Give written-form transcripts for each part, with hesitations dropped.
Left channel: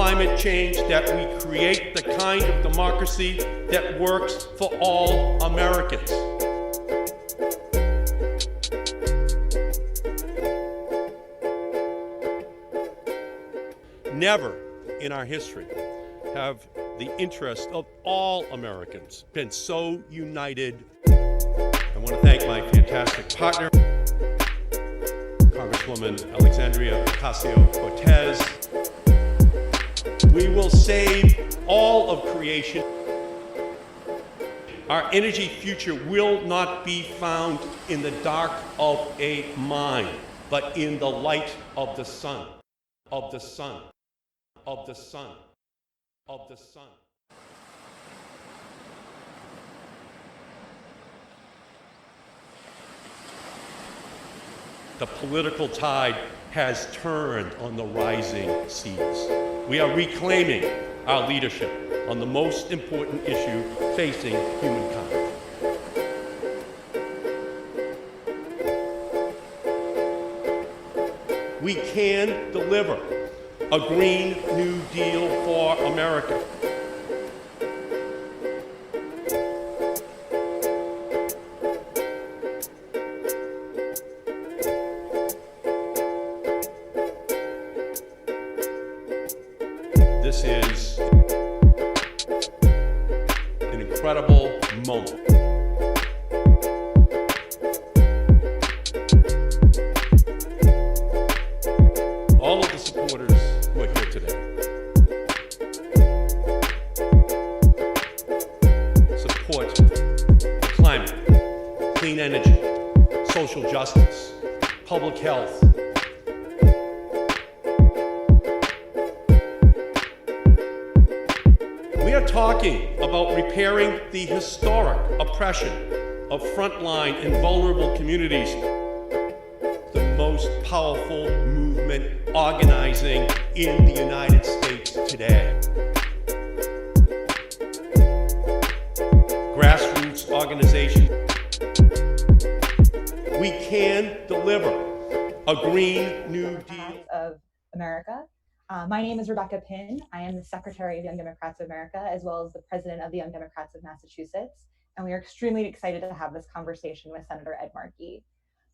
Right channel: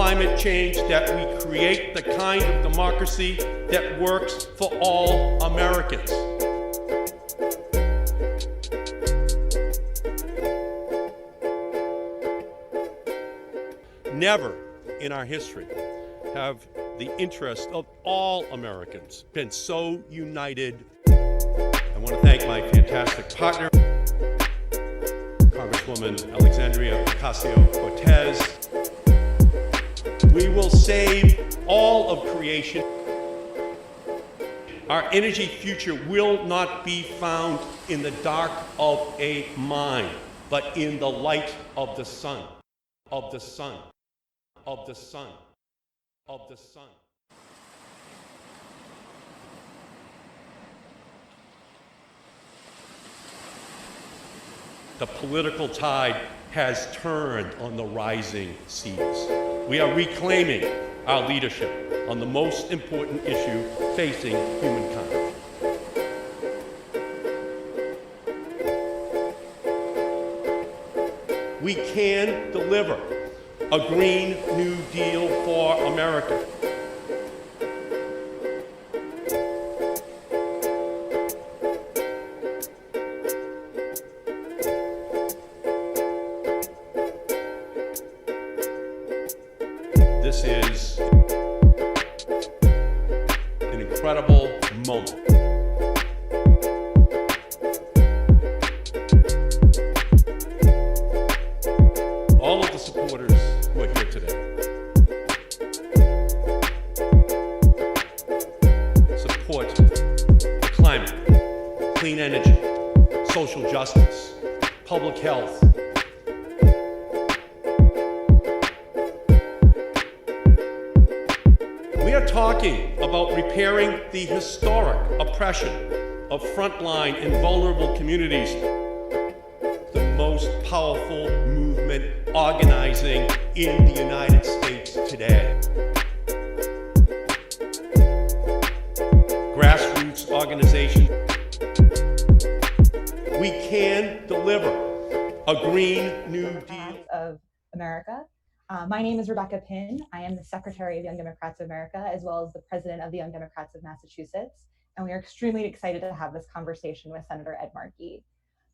climate change, that we create the kind of democracy that works for all Americans. Never in our history have the interests of all Americans been so united. I want to thank my fantastic partner, Congresswoman Alexandria Ocasio-Cortez. We will save all of creation. Our energy future will not be found in the dark of a mine, but in the light of the sun, of the sun, of the sun, of the sun. The political tide has turned on the rising seas. We are reclaiming our leadership on the most important issue facing humankind. We can deliver a Green New Deal for America. This is an incredible moment. All of the supporters who are here today support the climate, clean energy, social justice, public health. We are talking about repairing the historic oppression of frontline and vulnerable communities. The most powerful movement organizing in the United States today. Grassroots organization. We can deliver a Green New Deal of America. My name is Rebecca Pinn. I am the Secretary of Young Democrats of America, as well as the President of the Young Democrats of Massachusetts. And we are extremely excited to have this conversation with Senator Ed Markey.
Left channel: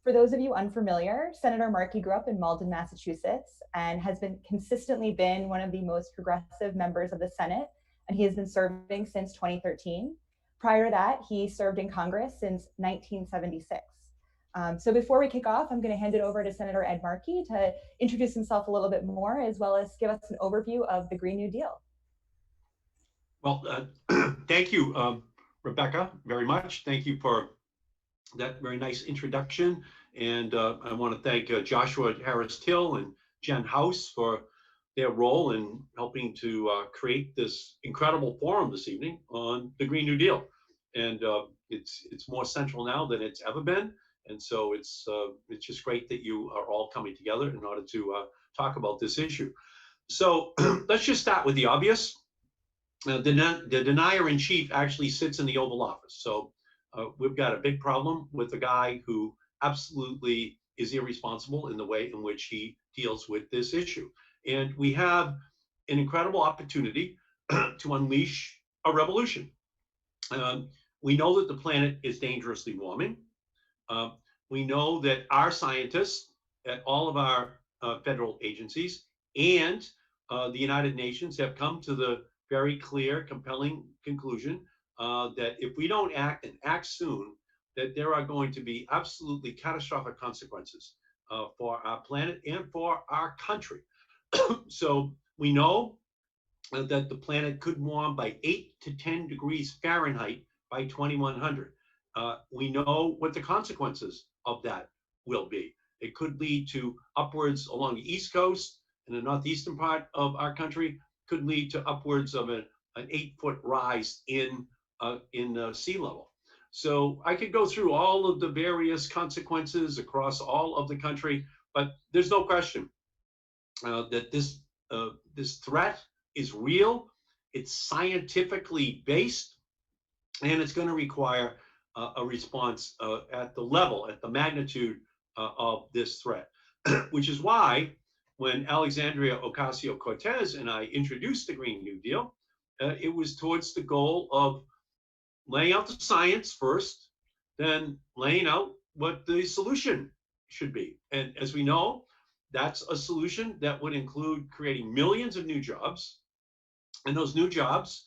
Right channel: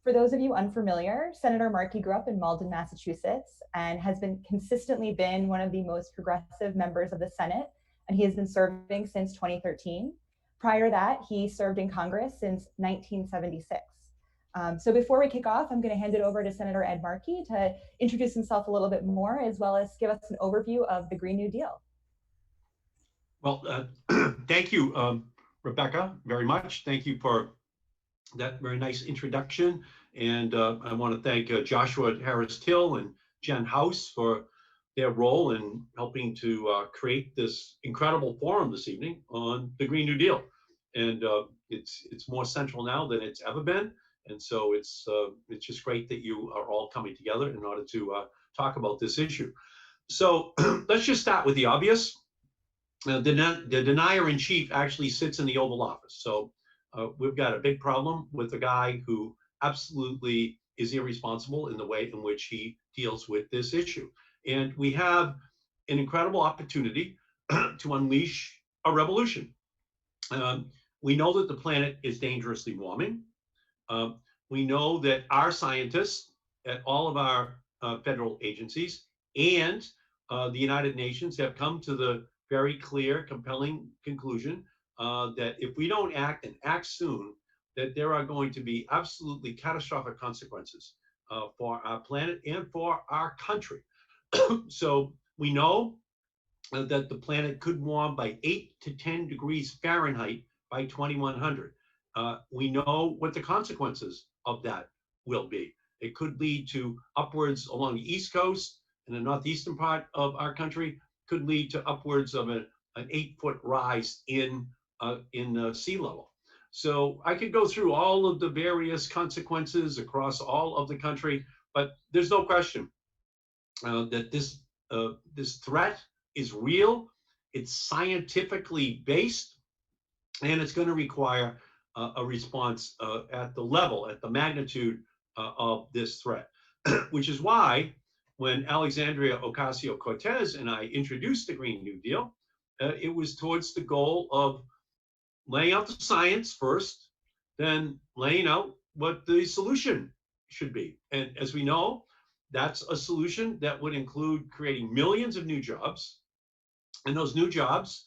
For those of you unfamiliar, Senator Markey grew up in Malden, Massachusetts, and has consistently been one of the most progressive members of the Senate, and he has been serving since 2013. Prior to that, he served in Congress since 1976. So before we kick off, I'm going to hand it over to Senator Ed Markey to introduce himself a little bit more, as well as give us an overview of the Green New Deal. Well, thank you, Rebecca, very much. Thank you for that very nice introduction. And I want to thank Joshua Harris-Till and Jen House for their role in helping to create this incredible forum this evening on the Green New Deal. And it's more central now than it's ever been. And so it's just great that you are all coming together in order to talk about this issue. So let's just start with the obvious. The denier-in-chief actually sits in the Oval Office. So we've got a big problem with a guy who absolutely is irresponsible in the way in which he deals with this issue. And we have an incredible opportunity to unleash a revolution. We know that the planet is dangerously warming. We know that our scientists at all of our federal agencies and the United Nations have come to the very clear, compelling conclusion that if we don't act and act soon, that there are going to be absolutely catastrophic consequences for our planet and for our country. So we know that the planet could warm by 8 to 10 degrees Fahrenheit by 2100. We know what the consequences of that will be. It could lead to upwards along the East Coast and the northeastern part of our country, could lead to upwards of an 8-foot rise in sea level. So I could go through all of the various consequences across all of the country, but there's no question that this threat is real, it's scientifically based, and it's going to require a response at the level, at the magnitude of this threat, which is why when Alexandria Ocasio-Cortez and I introduced the Green New Deal, it was towards the goal of laying out the science first, then laying out what the solution should be. And as we know, that's a solution that would include creating millions of new jobs. And those new jobs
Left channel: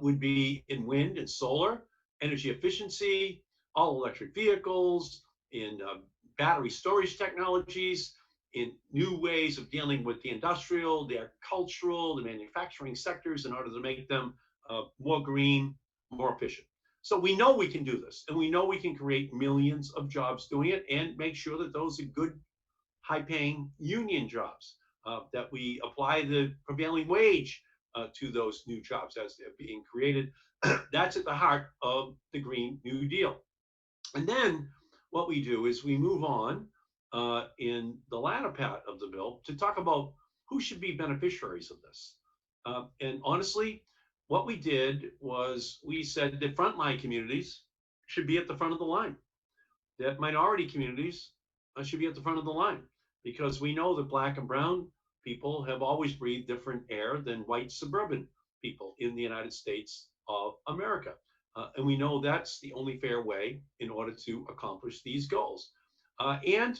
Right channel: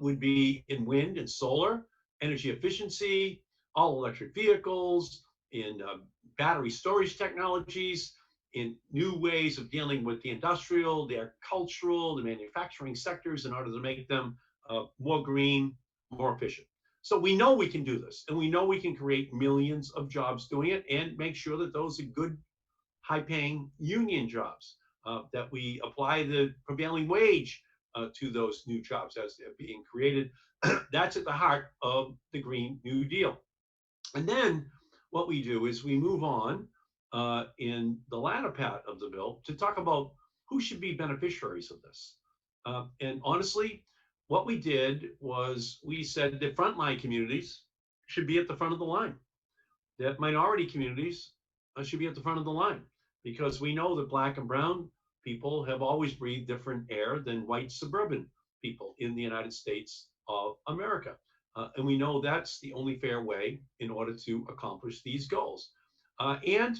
would be in wind and solar, energy efficiency, all electric vehicles, in battery storage technologies, in new ways of dealing with the industrial, the agricultural, the manufacturing sectors in order to make them more green, more efficient. So we know we can do this, and we know we can create millions of jobs doing it and make sure that those are good, high-paying union jobs, that we apply the prevailing wage to those new jobs as they're being created. That's at the heart of the Green New Deal. And then what we do is we move on in the latter part of the bill to talk about who should be beneficiaries of this. And honestly, what we did was we said that frontline communities should be at the front of the line, that minority communities should be at the front of the line, because we know that Black and brown people have always breathed different air than white suburban people in the United States of America. And we know that's the only fair way in order to accomplish these goals. And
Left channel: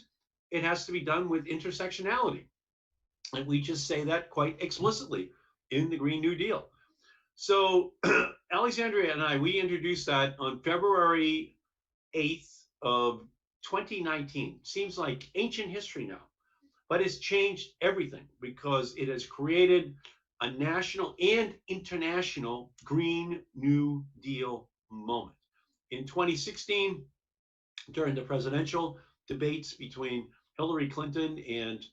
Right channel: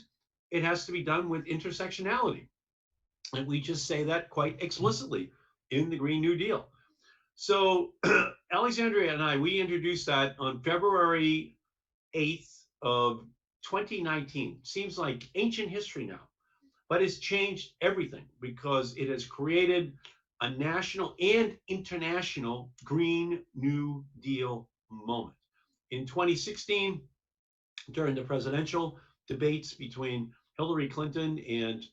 it has to be done with intersectionality. And we just say that quite explicitly in the Green New Deal. So Alexandria and I, we introduced that on February 8th of 2019. Seems like ancient history now, but it's changed everything because it has created a national and international Green New Deal moment. In 2016, during the presidential debates between Hillary Clinton and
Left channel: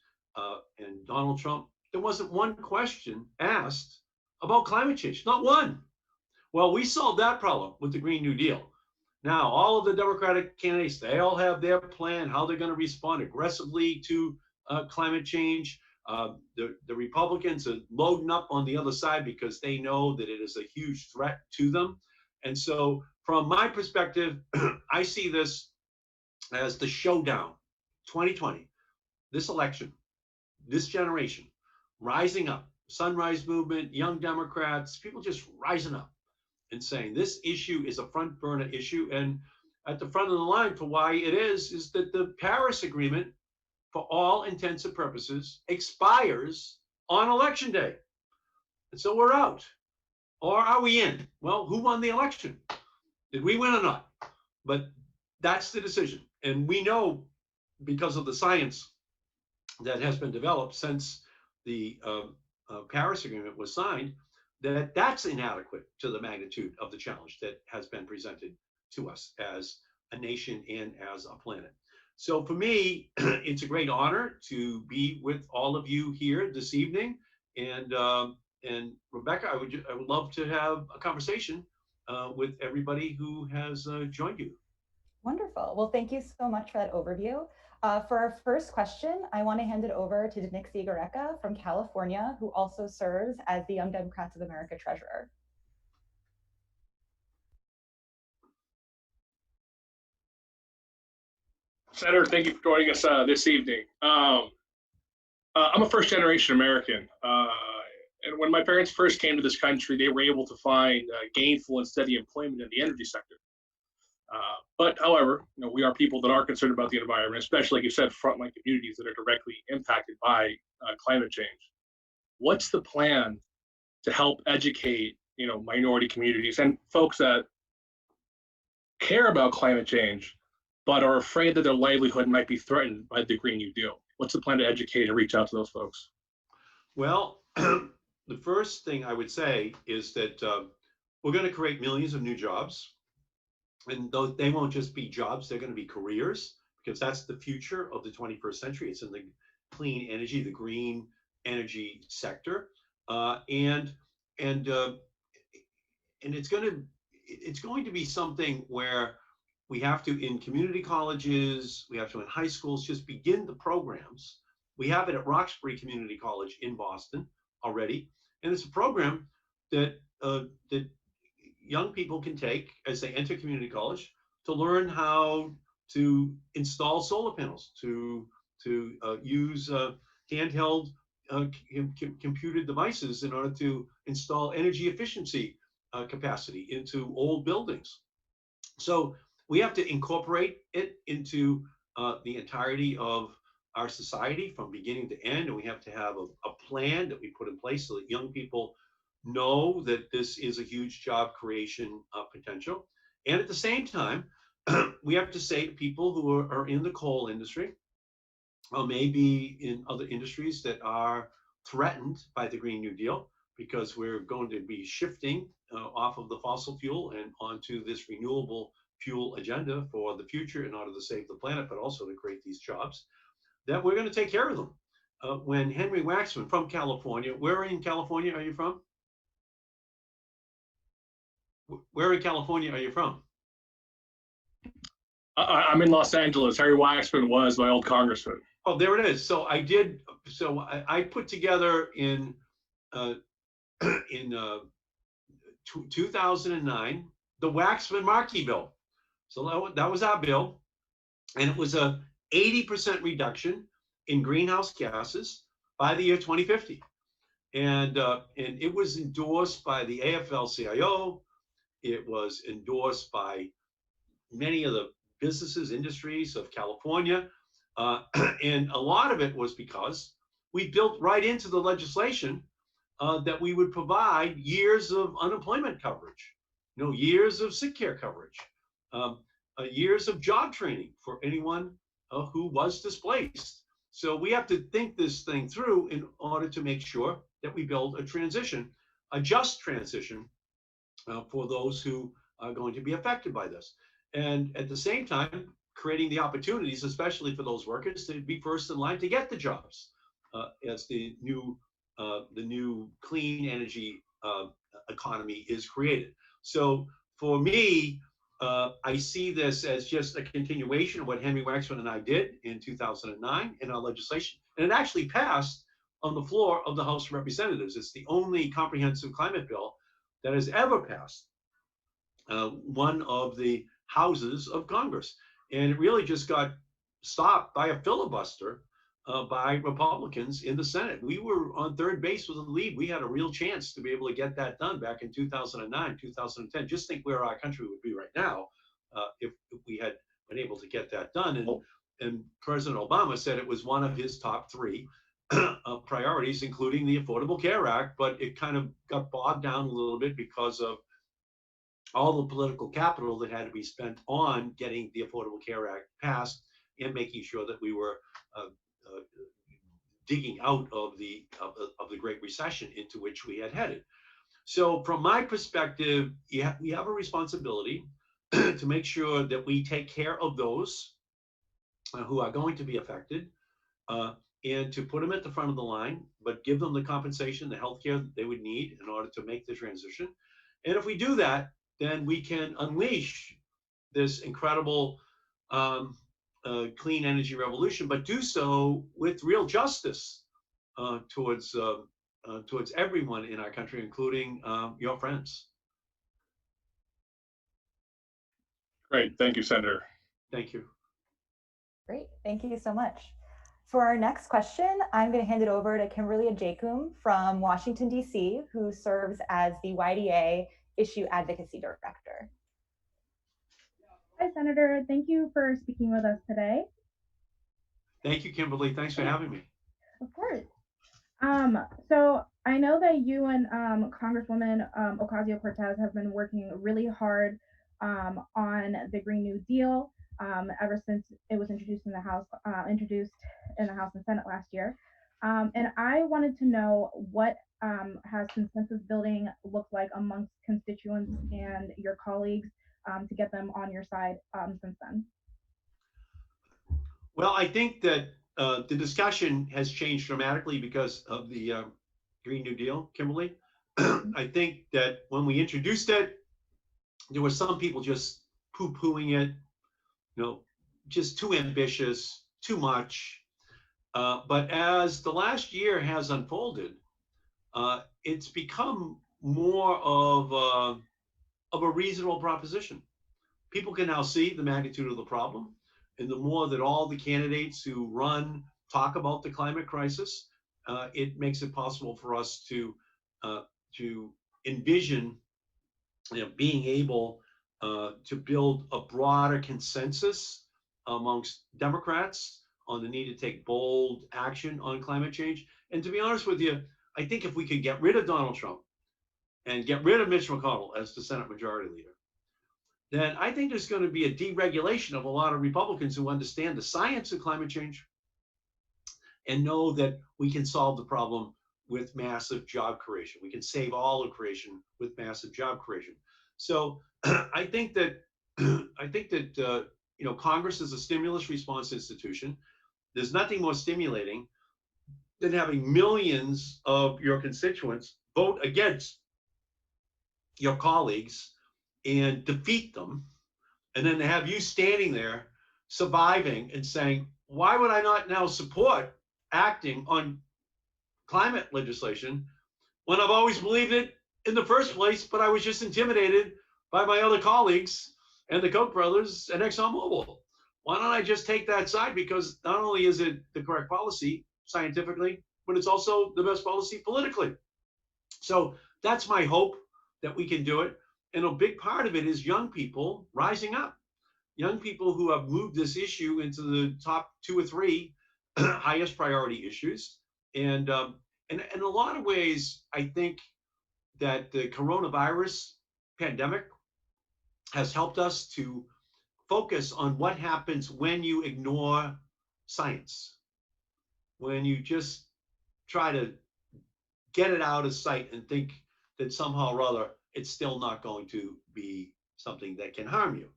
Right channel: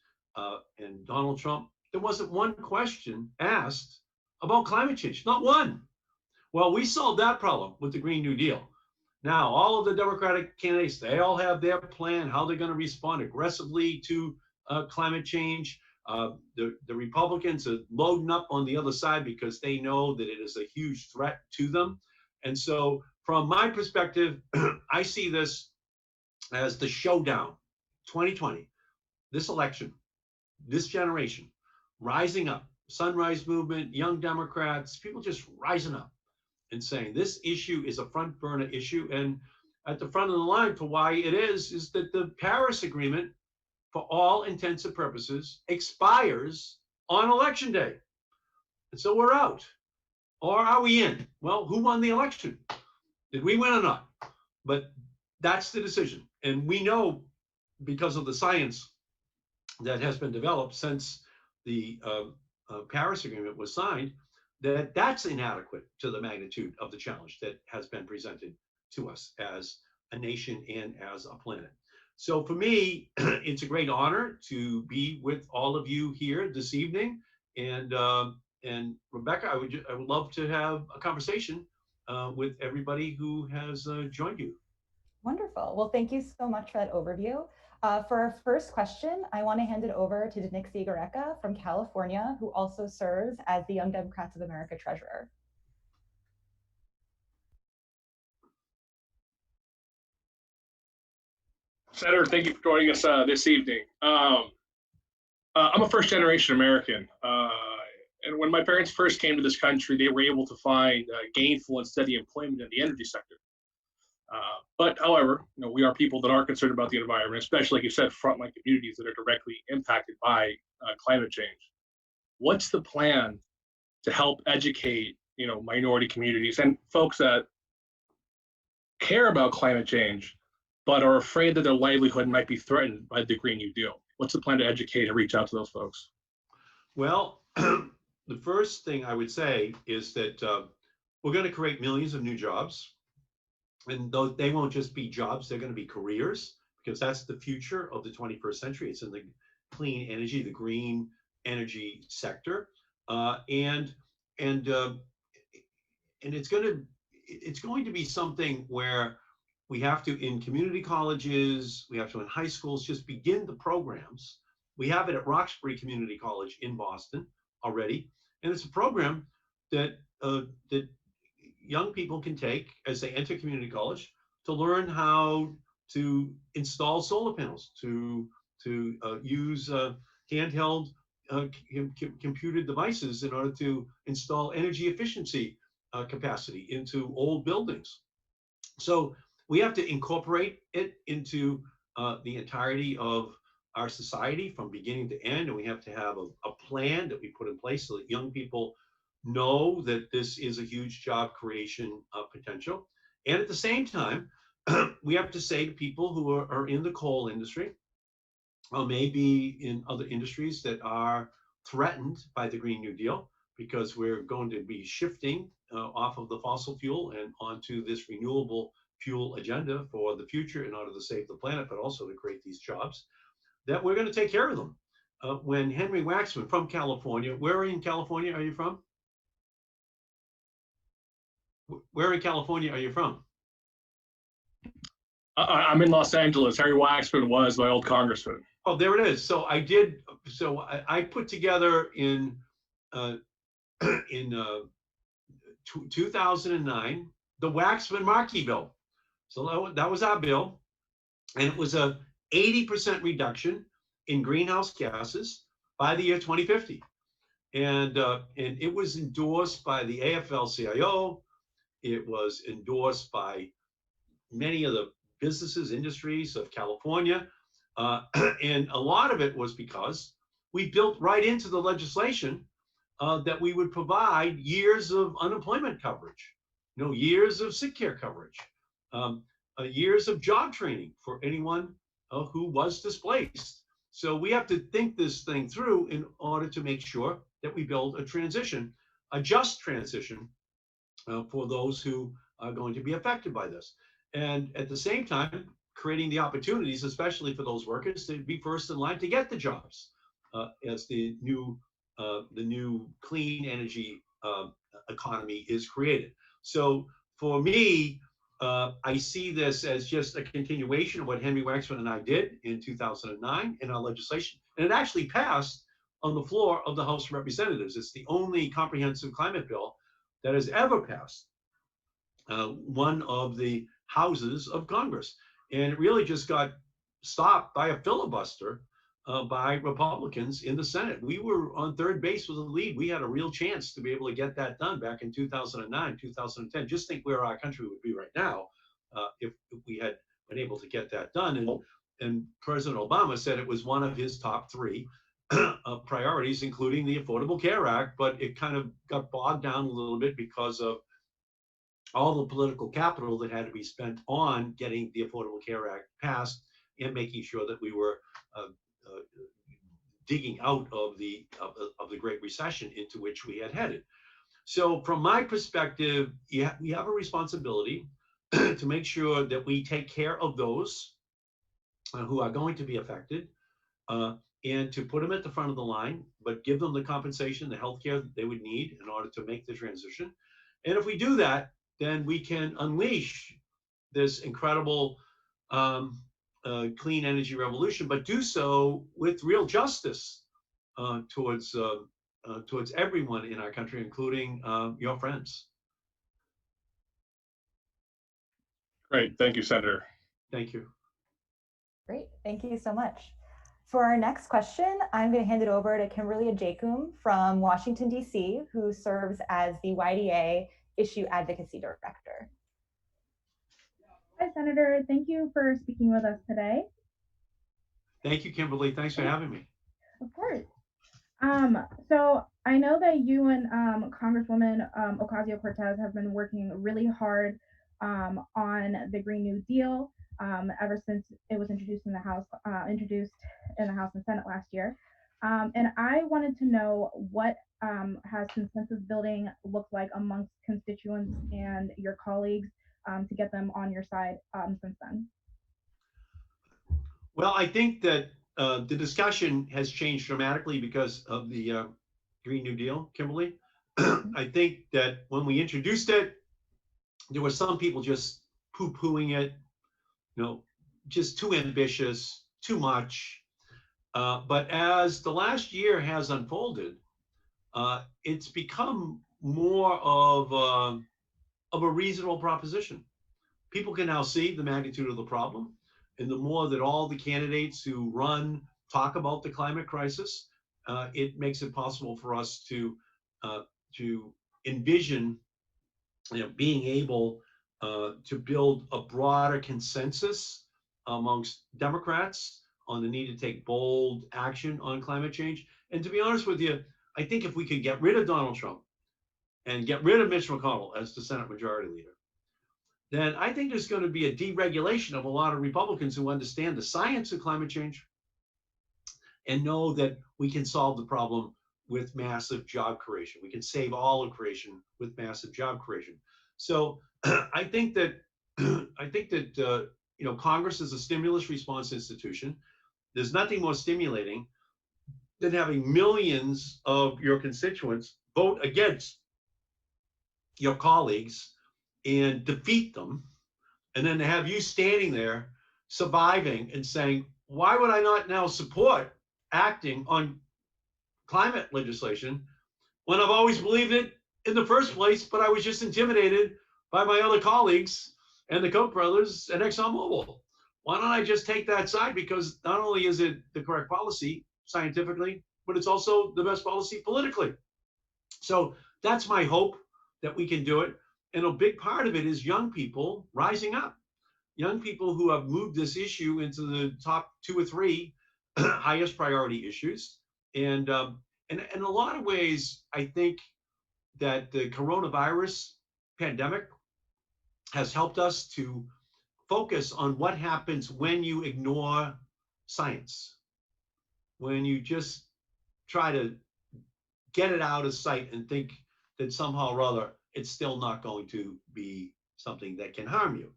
Donald Trump, there wasn't one question asked about climate change, not one. Well, we solved that problem with the Green New Deal. Now, all of the Democratic candidates, they all have their plan, how they're going to respond aggressively to climate change. The Republicans are loading up on the other side because they know that it is a huge threat to them. And so from my perspective, I see this as the showdown, 2020, this election, this generation, rising up, Sunrise Movement, Young Democrats, people just rising up and saying this issue is a front burner issue. And at the front of the line for why it is that the Paris Agreement, for all intents and purposes, expires on election day. And so we're out. Or are we in? Well, who won the election? Did we win or not? But that's the decision. And we know, because of the science that has been developed since the Paris Agreement was signed, that that's inadequate to the magnitude of the challenge that has been presented to us as a nation and as a planet. So for me, it's a great honor to be with all of you here this evening. And Rebecca, I would love to have a conversation with everybody who has joined you. Wonderful. Well, thank you so much for that overview. For our first question, I want to hand it over to Nixie Gareca from California, who also serves as the Young Democrats of America Treasurer. Senator, thank you for joining us this evening. I'm a first-generation American, and when my parents first came to this country, they were able to find gainful and steady employment in the energy sector. But however, we are people that are concerned about the environment, especially, like you said, frontline communities that are directly impacted by climate change. What's the plan to help educate, minority communities and folks that care about climate change, but are afraid that their livelihood might be threatened by the Green New Deal? What's the plan to educate and reach out to those folks? Well, the first thing I would say is that we're going to create millions of new jobs. And they won't just be jobs, they're going to be careers, because that's the future of the 21st century. It's in the clean energy, the green energy sector. And it's going to be something where we have to, in community colleges, we have to in high schools, just begin the programs. We have it at Roxbury Community College in Boston already. And it's a program that young people can take as they enter community college to learn how to install solar panels, to use handheld computer devices in order to install energy efficiency capacity into old buildings. So we have to incorporate it into the entirety of our society from beginning to end, and we have to have a plan that we put in place so that young people know that this is a huge job creation potential. And at the same time, we have to say to people who are in the coal industry, or maybe in other industries that are threatened by the Green New Deal, because we're going to be shifting off of the fossil fuel and onto this renewable fuel agenda for the future in order to save the planet, but also to create these jobs, that we're going to take care of them. When Henry Waxman from California, where in California are you from? Where in California are you from? I'm in Los Angeles. Harry Waxman was my old congressman. Oh, there it is. So I put together in 2009 the Waxman Markey bill. So that was our bill, and it was a 80% reduction in greenhouse gases by the year 2050, and it was endorsed by the AFL-CIO. It was endorsed by many of the businesses, industries of California. And a lot of it was because we built right into the legislation that we would provide years of unemployment coverage, years of sick care coverage, years of job training for anyone who was displaced. So we have to think this thing through in order to make sure that we build a transition, a just transition for those who are going to be affected by this. And at the same time, creating the opportunities, especially for those workers, to be first in line to get the jobs as the new clean energy economy is created. So for me, I see this as just a continuation of what Henry Waxman and I did in 2009 in our legislation. And it actually passed on the floor of the House of Representatives. It's the only comprehensive climate bill that has ever passed one of the houses of Congress. And it really just got stopped by a filibuster by Republicans in the Senate. We were on third base with the lead. We had a real chance to be able to get that done back in 2009, 2010. Just think where our country would be right now if we had been able to get that done. And President Obama said it was one of his top three priorities, including the Affordable Care Act, but it kind of got bogged down a little bit because of all the political capital that had to be spent on getting the Affordable Care Act passed and making sure that we were digging out of the Great Recession into which we had headed. So from my perspective, we have a responsibility to make sure that we take care of those who are going to be affected and to put them at the front of the line, but give them the compensation, the health care that they would need in order to make the transition. And if we do that, then we can unleash this incredible clean energy revolution, but do so with real justice towards everyone in our country, including your friends. Great. Thank you, Senator. Thank you. Great. Thank you so much. For our next question, I'm going to hand it over to Kimberly Ajakum from Washington, D.C., who serves as the YDA Issue Advocacy Director. Hi, Senator. Thank you for speaking with us today. Thank you, Kimberly. Thanks for having me. Of course. So I know that you and Congresswoman Ocasio-Cortez have been working really hard on the Green New Deal ever since it was introduced in the House and Senate last year. And I wanted to know what has consensus building looked like amongst constituents and your colleagues to get them on your side since then? Well, I think that the discussion has changed dramatically because of the Green New Deal, Kimberly. I think that when we introduced it, there were some people just poo-pooing it, just too ambitious, too much. But as the last year has unfolded, it's become more of a reasonable proposition. People can now see the magnitude of the problem, and the more that all the candidates who run talk about the climate crisis, it makes it possible for us to envision, being able to build a broader consensus amongst Democrats on the need to take bold action on climate change. And to be honest with you, I think if we could get rid of Donald Trump and get rid of Mitch McConnell as the Senate Majority Leader, then I think there's going to be a deregulation of a lot of Republicans who understand the science of climate change and know that we can solve the problem with massive job creation. We can save all of creation with massive job creation. So I think that Congress is a stimulus response institution. There's nothing more stimulating than having millions of your constituents vote against your colleagues and defeat them, and then to have you standing there surviving and saying, why would I not now support acting on climate legislation when I've always believed it in the first place, but I was just intimidated by my other colleagues and the Koch brothers and ExxonMobil? Why don't I just take that side? Because not only is it the correct policy scientifically, but it's also the best policy politically. So that's my hope, that we can do it. And a big part of it is young people rising up, young people who have moved this issue into the top 2 or 3 highest priority issues. And in a lot of ways, I think that the coronavirus pandemic has helped us to focus on what happens when you ignore science, when you just try to get it out of sight and think that somehow or other it's still not going to be something that can harm you.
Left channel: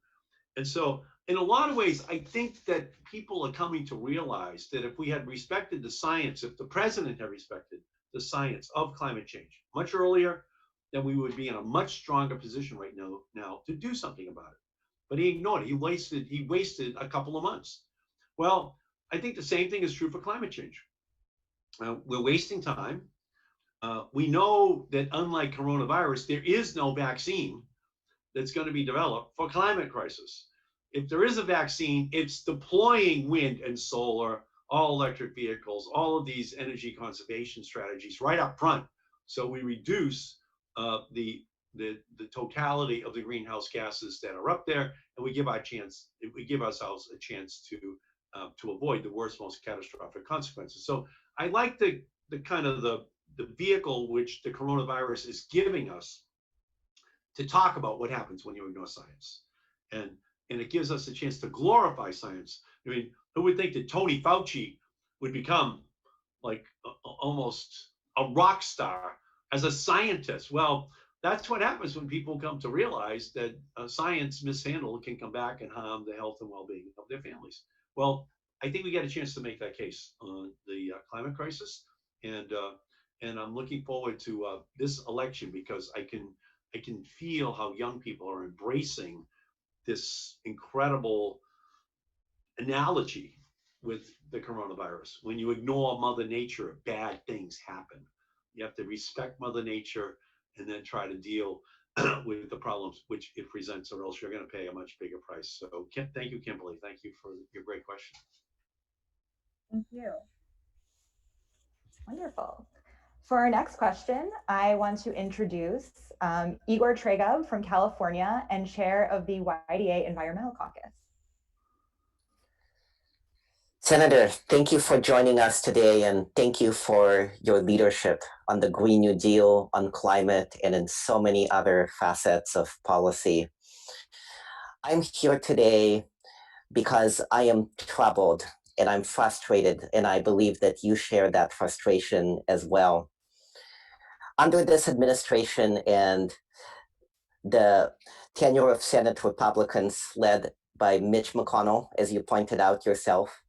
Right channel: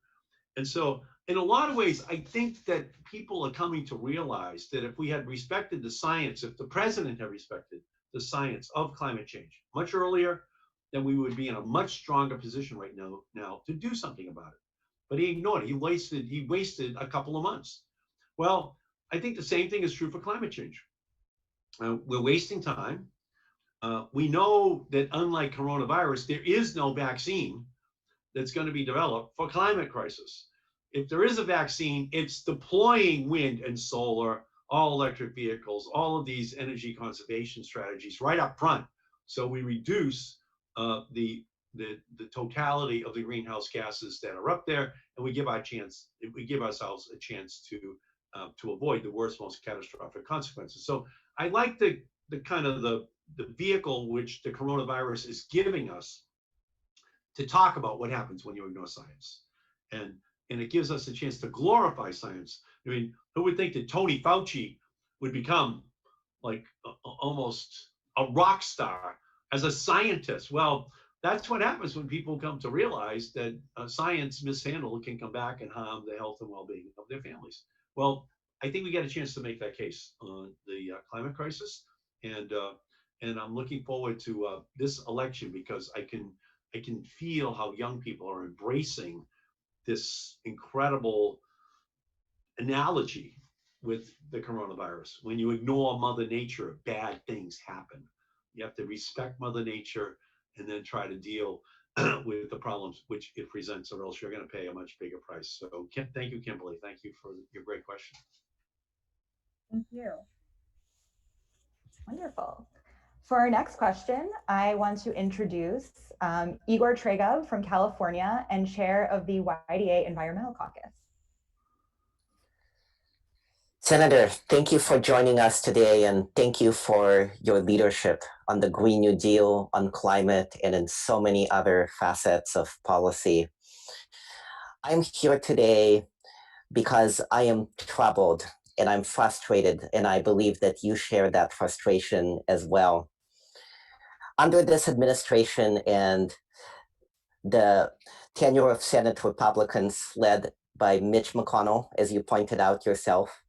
And so in a lot of ways, I think that people are coming to realize that if we had respected the science, if the president had respected the science of climate change much earlier, then we would be in a much stronger position right now to do something about it. But he ignored it. He wasted a couple of months. Well, I think the same thing is true for climate change. We're wasting time. We know that unlike coronavirus, there is no vaccine that's going to be developed for climate crisis. If there is a vaccine, it's deploying wind and solar, all electric vehicles, all of these energy conservation strategies right up front. So we reduce the totality of the greenhouse gases that are up there, and we give ourselves a chance to avoid the worst, most catastrophic consequences. So I like the kind of the vehicle which the coronavirus is giving us to talk about what happens when you ignore science. And it gives us a chance to glorify science. I mean, who would think that Tony Fauci would become like almost a rock star as a scientist? Well, that's what happens when people come to realize that science mishandled can come back and harm the health and well-being of their families. Well, I think we get a chance to make that case on the climate crisis. And I'm looking forward to this election, because I can feel how young people are embracing this incredible analogy with the coronavirus. When you ignore Mother Nature, bad things happen. You have to respect Mother Nature and then try to deal with the problems which it presents, or else you're going to pay a much bigger price. So thank you, Kimberly. Thank you for your great question. Thank you. Wonderful. For our next question, I want to introduce Igor Tregov from California and chair of the YDA Environmental Caucus. Senator, thank you for joining us today, and thank you for your leadership on the Green New Deal, on climate, and in so many other facets of policy. I'm here today because I am troubled and I'm frustrated, and I believe that you share that frustration as well. Under this administration and the tenure of Senate Republicans led by Mitch McConnell, as you pointed out yourself,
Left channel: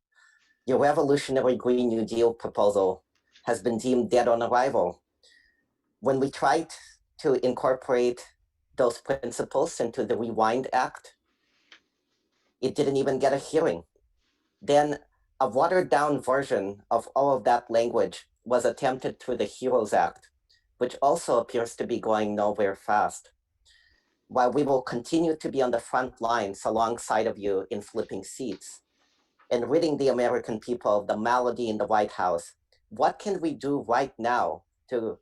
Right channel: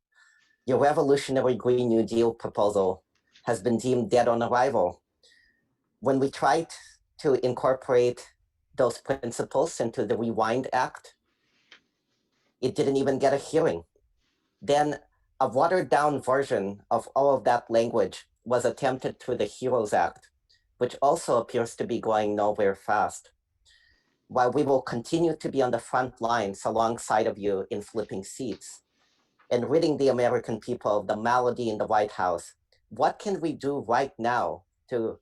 your revolutionary Green New Deal proposal has been deemed dead on arrival. When we tried to incorporate those principles into the Rewind Act, it didn't even get a hearing. Then a watered down version of all of that language was attempted through the HEROES Act, which also appears to be going nowhere fast. While we will continue to be on the front lines alongside of you in flipping seats, and ridding the American people of the malady in the White House, what can we do right now to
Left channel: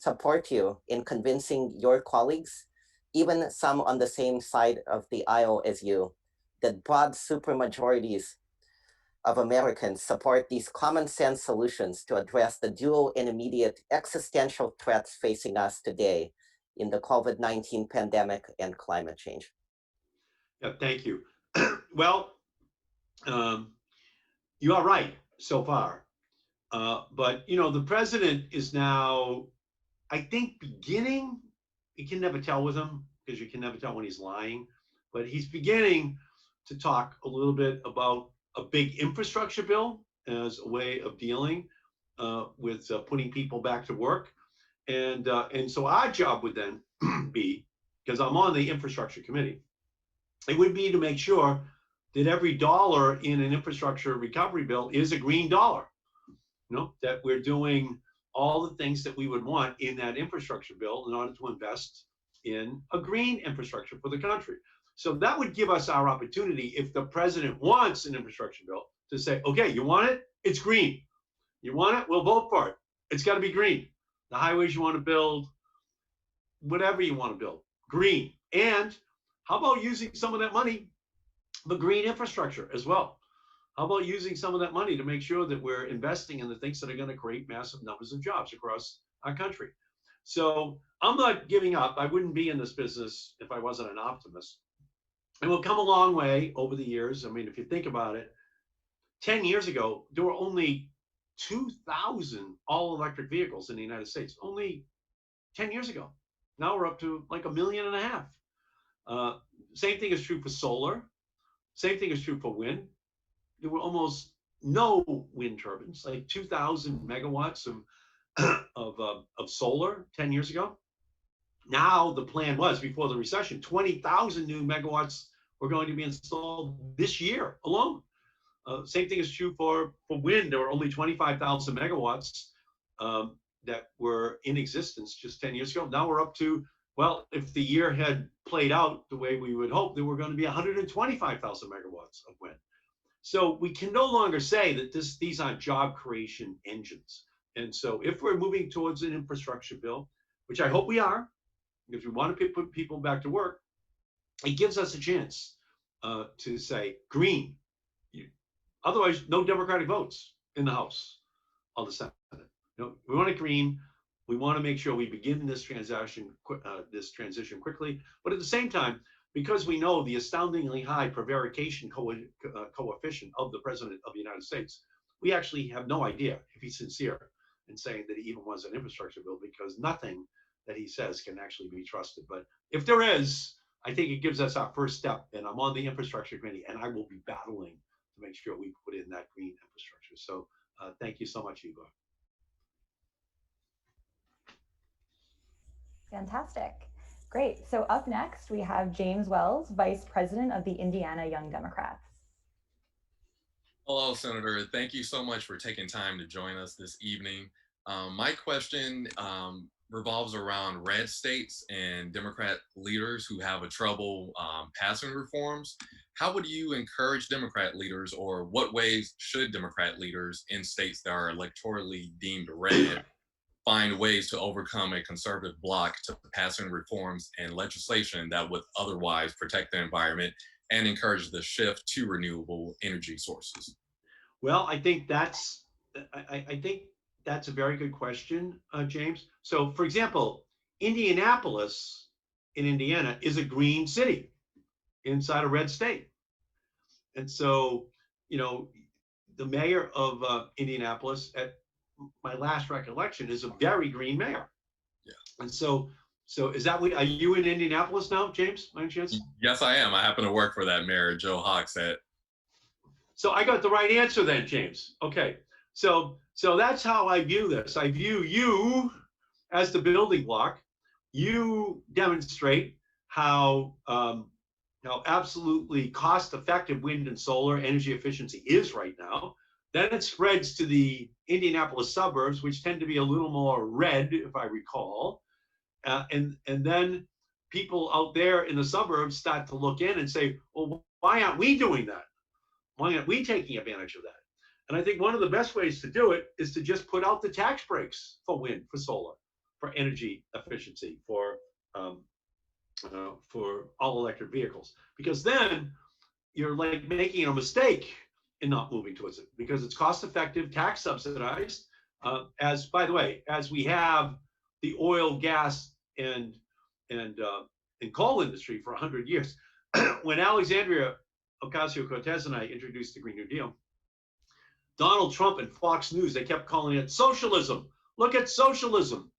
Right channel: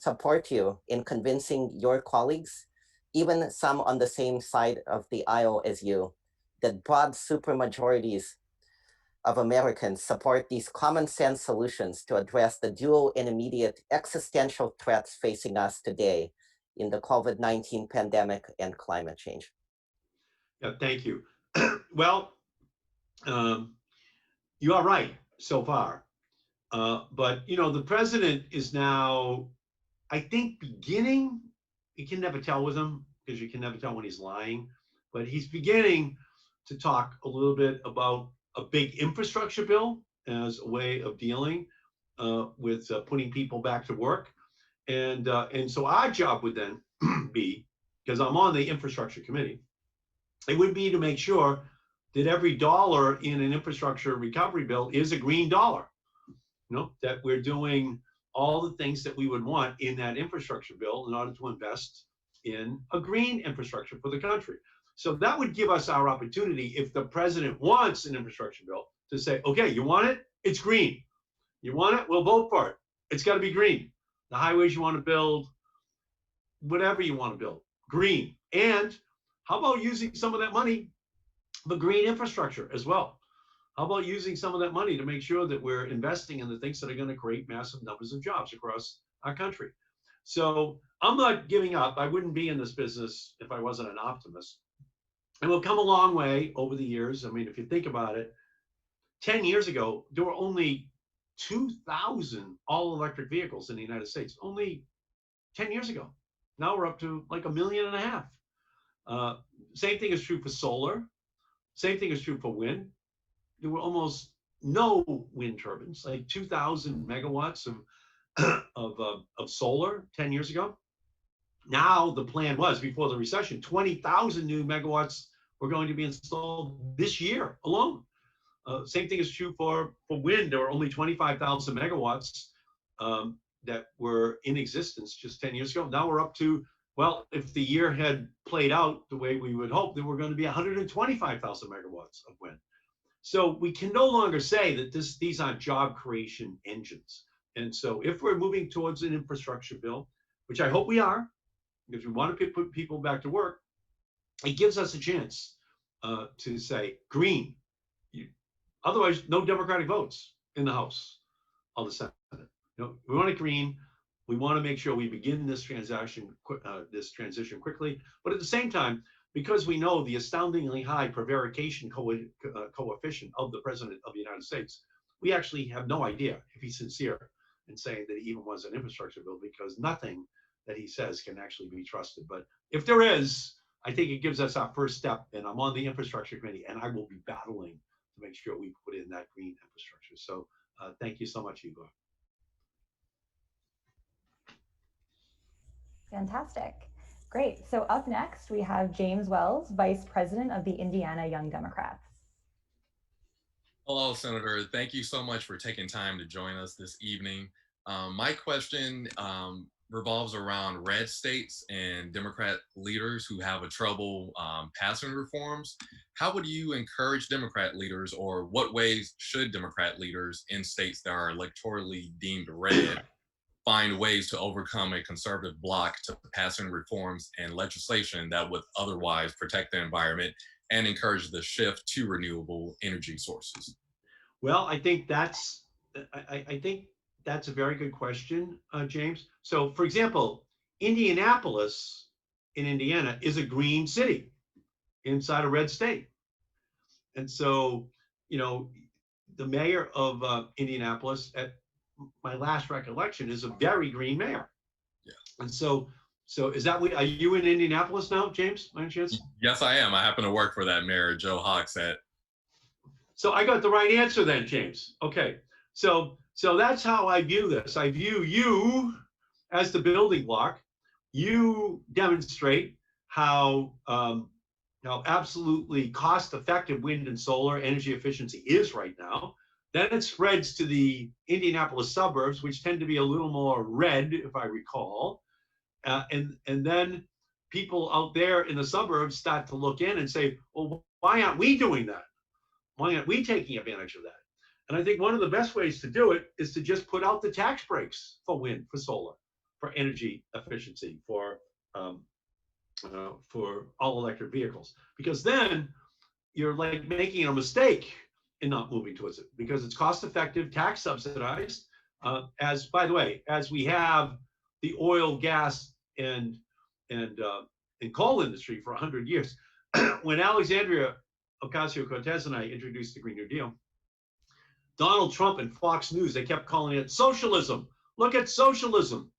support you in convincing your colleagues, even some on the same side of the aisle as you, that broad supermajorities of Americans support these common sense solutions to address the dual and immediate existential threats facing us today in the COVID-19 pandemic and climate change? Yeah, thank you. Well, you are right so far. But, the president is now, I think, beginning, you can never tell with him because you can never tell when he's lying, but he's beginning to talk a little bit about a big infrastructure bill as a way of dealing with putting people back to work. And so our job would then be, because I'm on the infrastructure committee, it would be to make sure that every dollar in an infrastructure recovery bill is a green dollar. That we're doing all the things that we would want in that infrastructure bill in order to invest in a green infrastructure for the country. So that would give us our opportunity, if the president wants an infrastructure bill, to say, okay, you want it? It's green. You want it? We'll vote for it. It's got to be green. The highways you want to build, whatever you want to build, green. And how about using some of that money for green infrastructure as well? How about using some of that money to make sure that we're investing in the things that are going to create massive numbers of jobs across our country? So I'm not giving up. I wouldn't be in this business if I wasn't an optimist. And we've come a long way over the years. I mean, if you think about it, 10 years ago, there were only 2,000 all-electric vehicles in the United States. Only 10 years ago. Now we're up to like 1.5 million. Same thing is true for solar. Same thing is true for wind. There were almost no wind turbines, like 2,000 megawatts of solar 10 years ago. Now the plan was, before the recession, 20,000 new megawatts were going to be installed this year alone. Same thing is true for wind. There were only 25,000 megawatts that were in existence just 10 years ago. Now we're up to, well, if the year had played out the way we would hope, there were going to be 125,000 megawatts of wind. So we can no longer say that these aren't job creation engines. And so if we're moving towards an infrastructure bill, which I hope we are, because we want to put people back to work, it gives us a chance to say green. Otherwise, no Democratic votes in the House or the Senate. We want it green. We want to make sure we begin this transition quickly. But at the same time, because we know the astoundingly high prevarication coefficient of the President of the United States, we actually have no idea if he's sincere in saying that he even wants an infrastructure bill, because nothing that he says can actually be trusted. But if there is, I think it gives us our first step. And I'm on the infrastructure committee, and I will be battling to make sure we put in that green infrastructure. So thank you so much, Igor. Fantastic. Great. So up next, we have James Wells, Vice President of the Indiana Young Democrats. Hello, Senator. Thank you so much for taking time to join us this evening. My question revolves around red states and Democrat leaders who have a trouble passing reforms. How would you encourage Democrat leaders, or what ways should Democrat leaders in states that are electorally deemed red find ways to overcome a conservative bloc to passing reforms and legislation that would otherwise protect the environment and encourage the shift to renewable energy sources? Well, I think that's a very good question, James. So, for example, Indianapolis in Indiana is a green city inside a red state. And so, the mayor of Indianapolis, at my last recollection, is a very green mayor. Yeah. And so is that are you in Indianapolis now, James, by any chance? Yes, I am. I happen to work for that mayor, Joe Hogsett. So I got the right answer then, James. Okay. So that's how I view this. I view you as the building block. You demonstrate how absolutely cost-effective wind and solar energy efficiency is right now. Then it spreads to the Indianapolis suburbs, which tend to be a little more red, if I recall. And then people out there in the suburbs start to look in and say, well, why aren't we doing that? Why aren't we taking advantage of that? And I think one of the best ways to do it is to just put out the tax breaks for wind, for solar, for energy efficiency, for all electric vehicles, because then you're like making a mistake in not moving towards it, because it's cost effective, tax subsidized. As by the way, as we have the oil, gas, and coal industry for 100 years. When Alexandria Ocasio-Cortez and I introduced the Green New Deal, Donald Trump and Fox News, they kept calling it socialism. Look at socialism.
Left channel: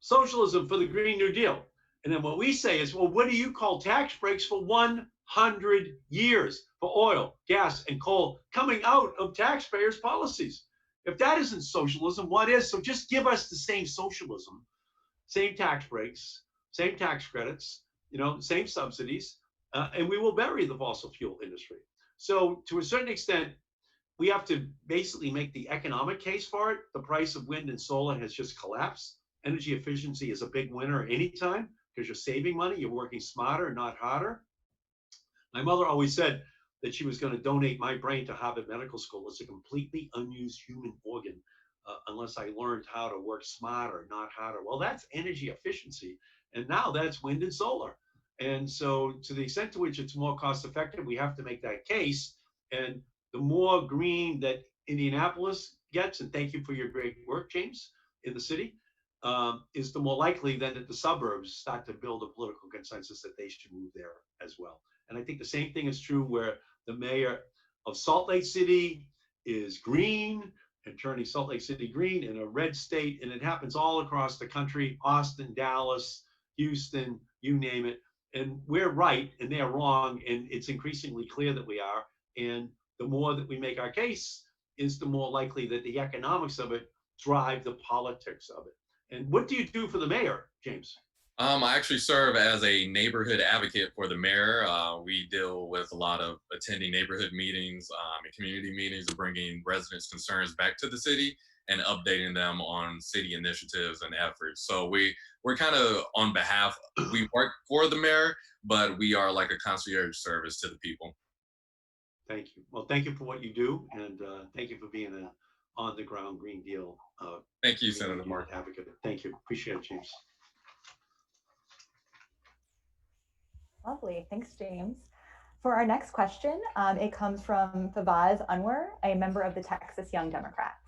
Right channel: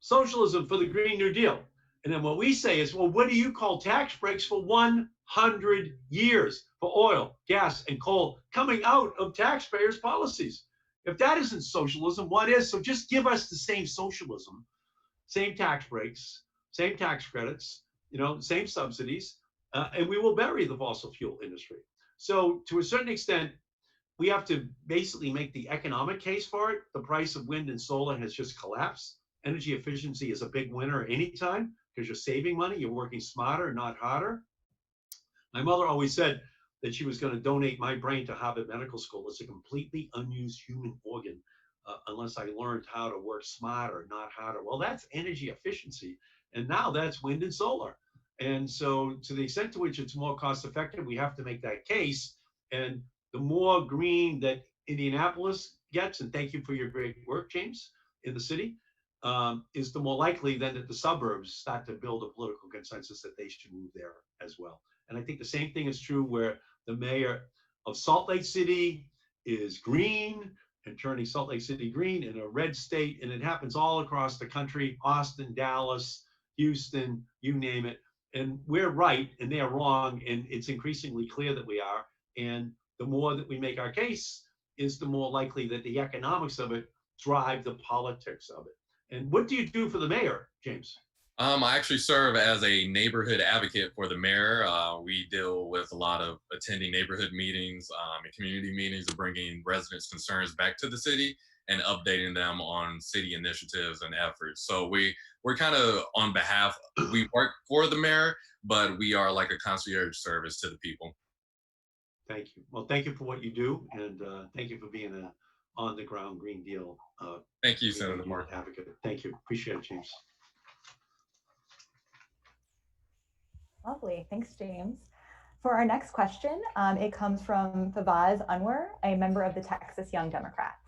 Socialism for the Green New Deal. And then what we say is, well, what do you call tax breaks for 100 years for oil, gas, and coal coming out of taxpayers' policies? If that isn't socialism, what is? So just give us the same socialism, same tax breaks, same tax credits, same subsidies, and we will bury the fossil fuel industry. So to a certain extent, we have to basically make the economic case for it. The price of wind and solar has just collapsed. Energy efficiency is a big winner anytime because you're saving money, you're working smarter, not harder. My mother always said that she was going to donate my brain to Harvard Medical School. It's a completely unused human organ unless I learned how to work smarter, not harder. Well, that's energy efficiency. And now that's wind and solar. And so to the extent to which it's more cost effective, we have to make that case. And the more green that Indianapolis gets, and thank you for your great work, James, in the city, is the more likely then that the suburbs start to build a political consensus that they should move there as well. And I think the same thing is true where the mayor of Salt Lake City is green and turning Salt Lake City green in a red state. And it happens all across the country, Austin, Dallas, Houston, you name it. And we're right and they're wrong. And it's increasingly clear that we are. And the more that we make our case is the more likely that the economics of it drive the politics of it. And what do you do for the mayor, James? I actually serve as a neighborhood advocate for the mayor. We deal with a lot of attending neighborhood meetings and community meetings and bringing residents' concerns back to the city and updating them on city initiatives and efforts. So we're kind of on behalf, we work for the mayor, but we are like a concierge service to the people. Thank you. Well, thank you for what you do, and thank you for being an on-the-ground Green Deal Thank you, Senator Mark. advocate. Thank you. Appreciate it, James. Lovely. Thanks, James. For our next question, it comes from Fawaz Anwar, a member of the Texas Young Democrats.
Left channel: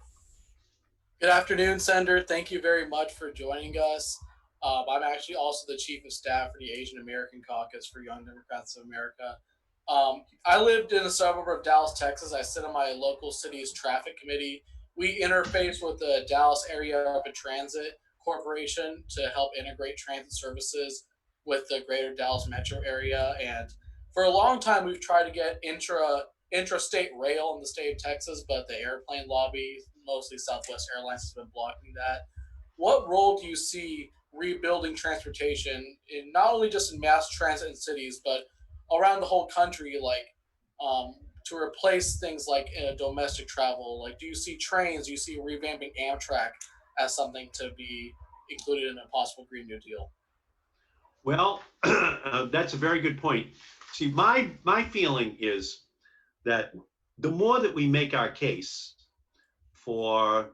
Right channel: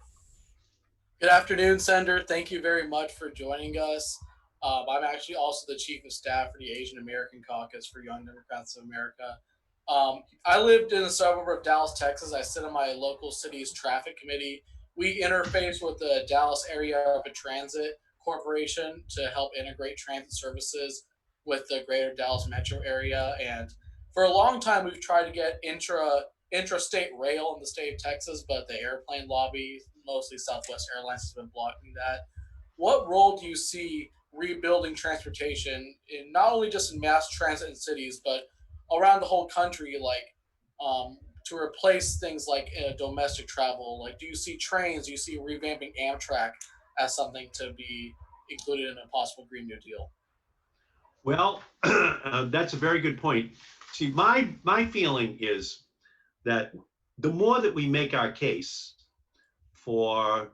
Good afternoon, Senator. Thank you very much for joining us. I'm actually also the Chief of Staff for the Asian American Caucus for Young Democrats of America. I lived in a suburb of Dallas, Texas. I sit on my local city's traffic committee. We interface with the Dallas Area Rapid Transit Corporation to help integrate transit services with the greater Dallas metro area. And for a long time, we've tried to get intrastate rail in the state of Texas, but the airplane lobby, mostly Southwest Airlines, has been blocking that. What role do you see rebuilding transportation, in not only just in mass transit in cities, but around the whole country, like to replace things like domestic travel? Like, do you see trains? Do you see revamping Amtrak as something to be included in a possible Green New Deal? Well, that's a very good point. See, my feeling is that the more that we make our case for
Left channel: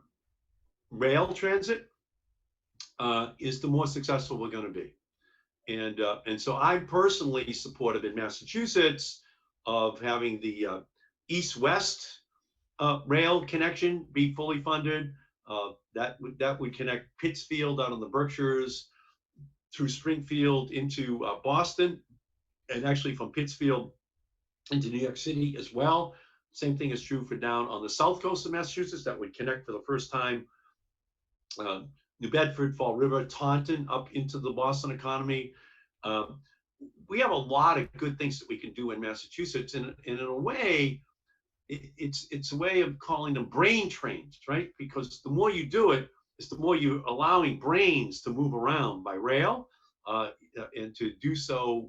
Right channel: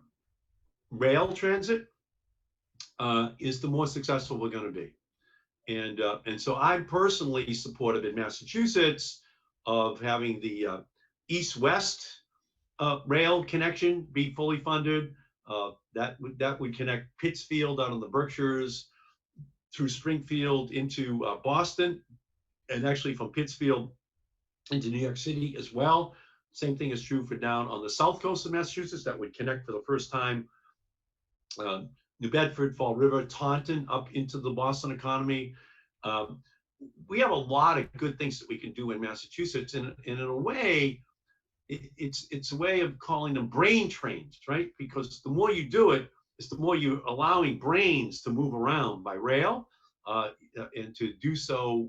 rail transit, is the more successful we're going to be. And so I'm personally supportive in Massachusetts of having the east-west rail connection be fully funded. That would connect Pittsfield out in the Berkshires through Springfield into Boston, and actually from Pittsfield into New York City as well. Same thing is true for down on the south coast of Massachusetts. That would connect for the first time New Bedford, Fall River, Taunton up into the Boston economy. We have a lot of good things that we can do in Massachusetts, and in a way, it's a way of calling them brain trains, right? Because the more you do it, is the more you're allowing brains to move around by rail and to do so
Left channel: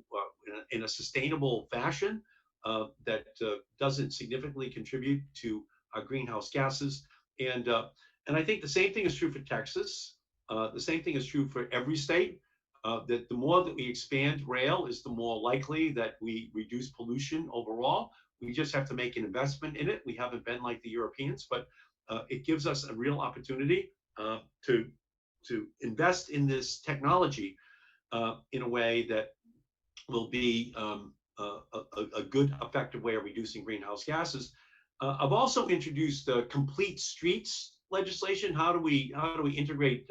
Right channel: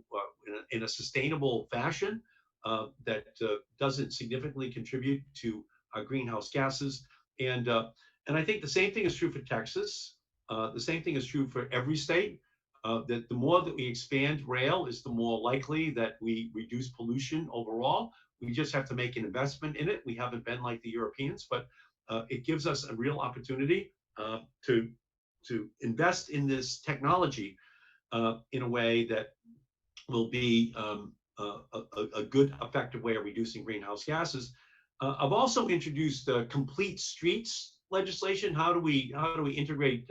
in a sustainable fashion that doesn't significantly contribute to our greenhouse gases. And I think the same thing is true for Texas. The same thing is true for every state. That the more that we expand rail is the more likely that we reduce pollution overall. We just have to make an investment in it. We haven't been like the Europeans, but it gives us a real opportunity to invest in this technology in a way that will be a good, effective way of reducing greenhouse gases. I've also introduced complete streets legislation. How do we integrate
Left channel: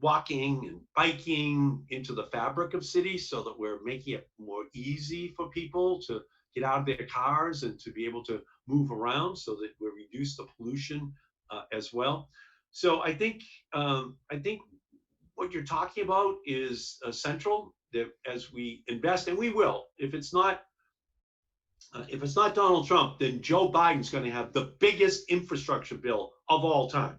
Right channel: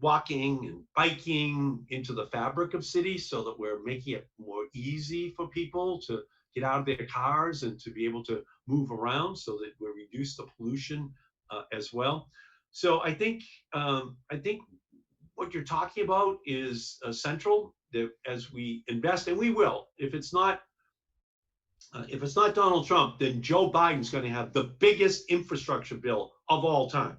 walking and biking into the fabric of cities so that we're making it more easy for people to get out of their cars and to be able to move around so that we reduce the pollution as well. So I think what you're talking about is central, that as we invest, and we will, if it's not Donald Trump, then Joe Biden's going to have the biggest infrastructure bill of all time,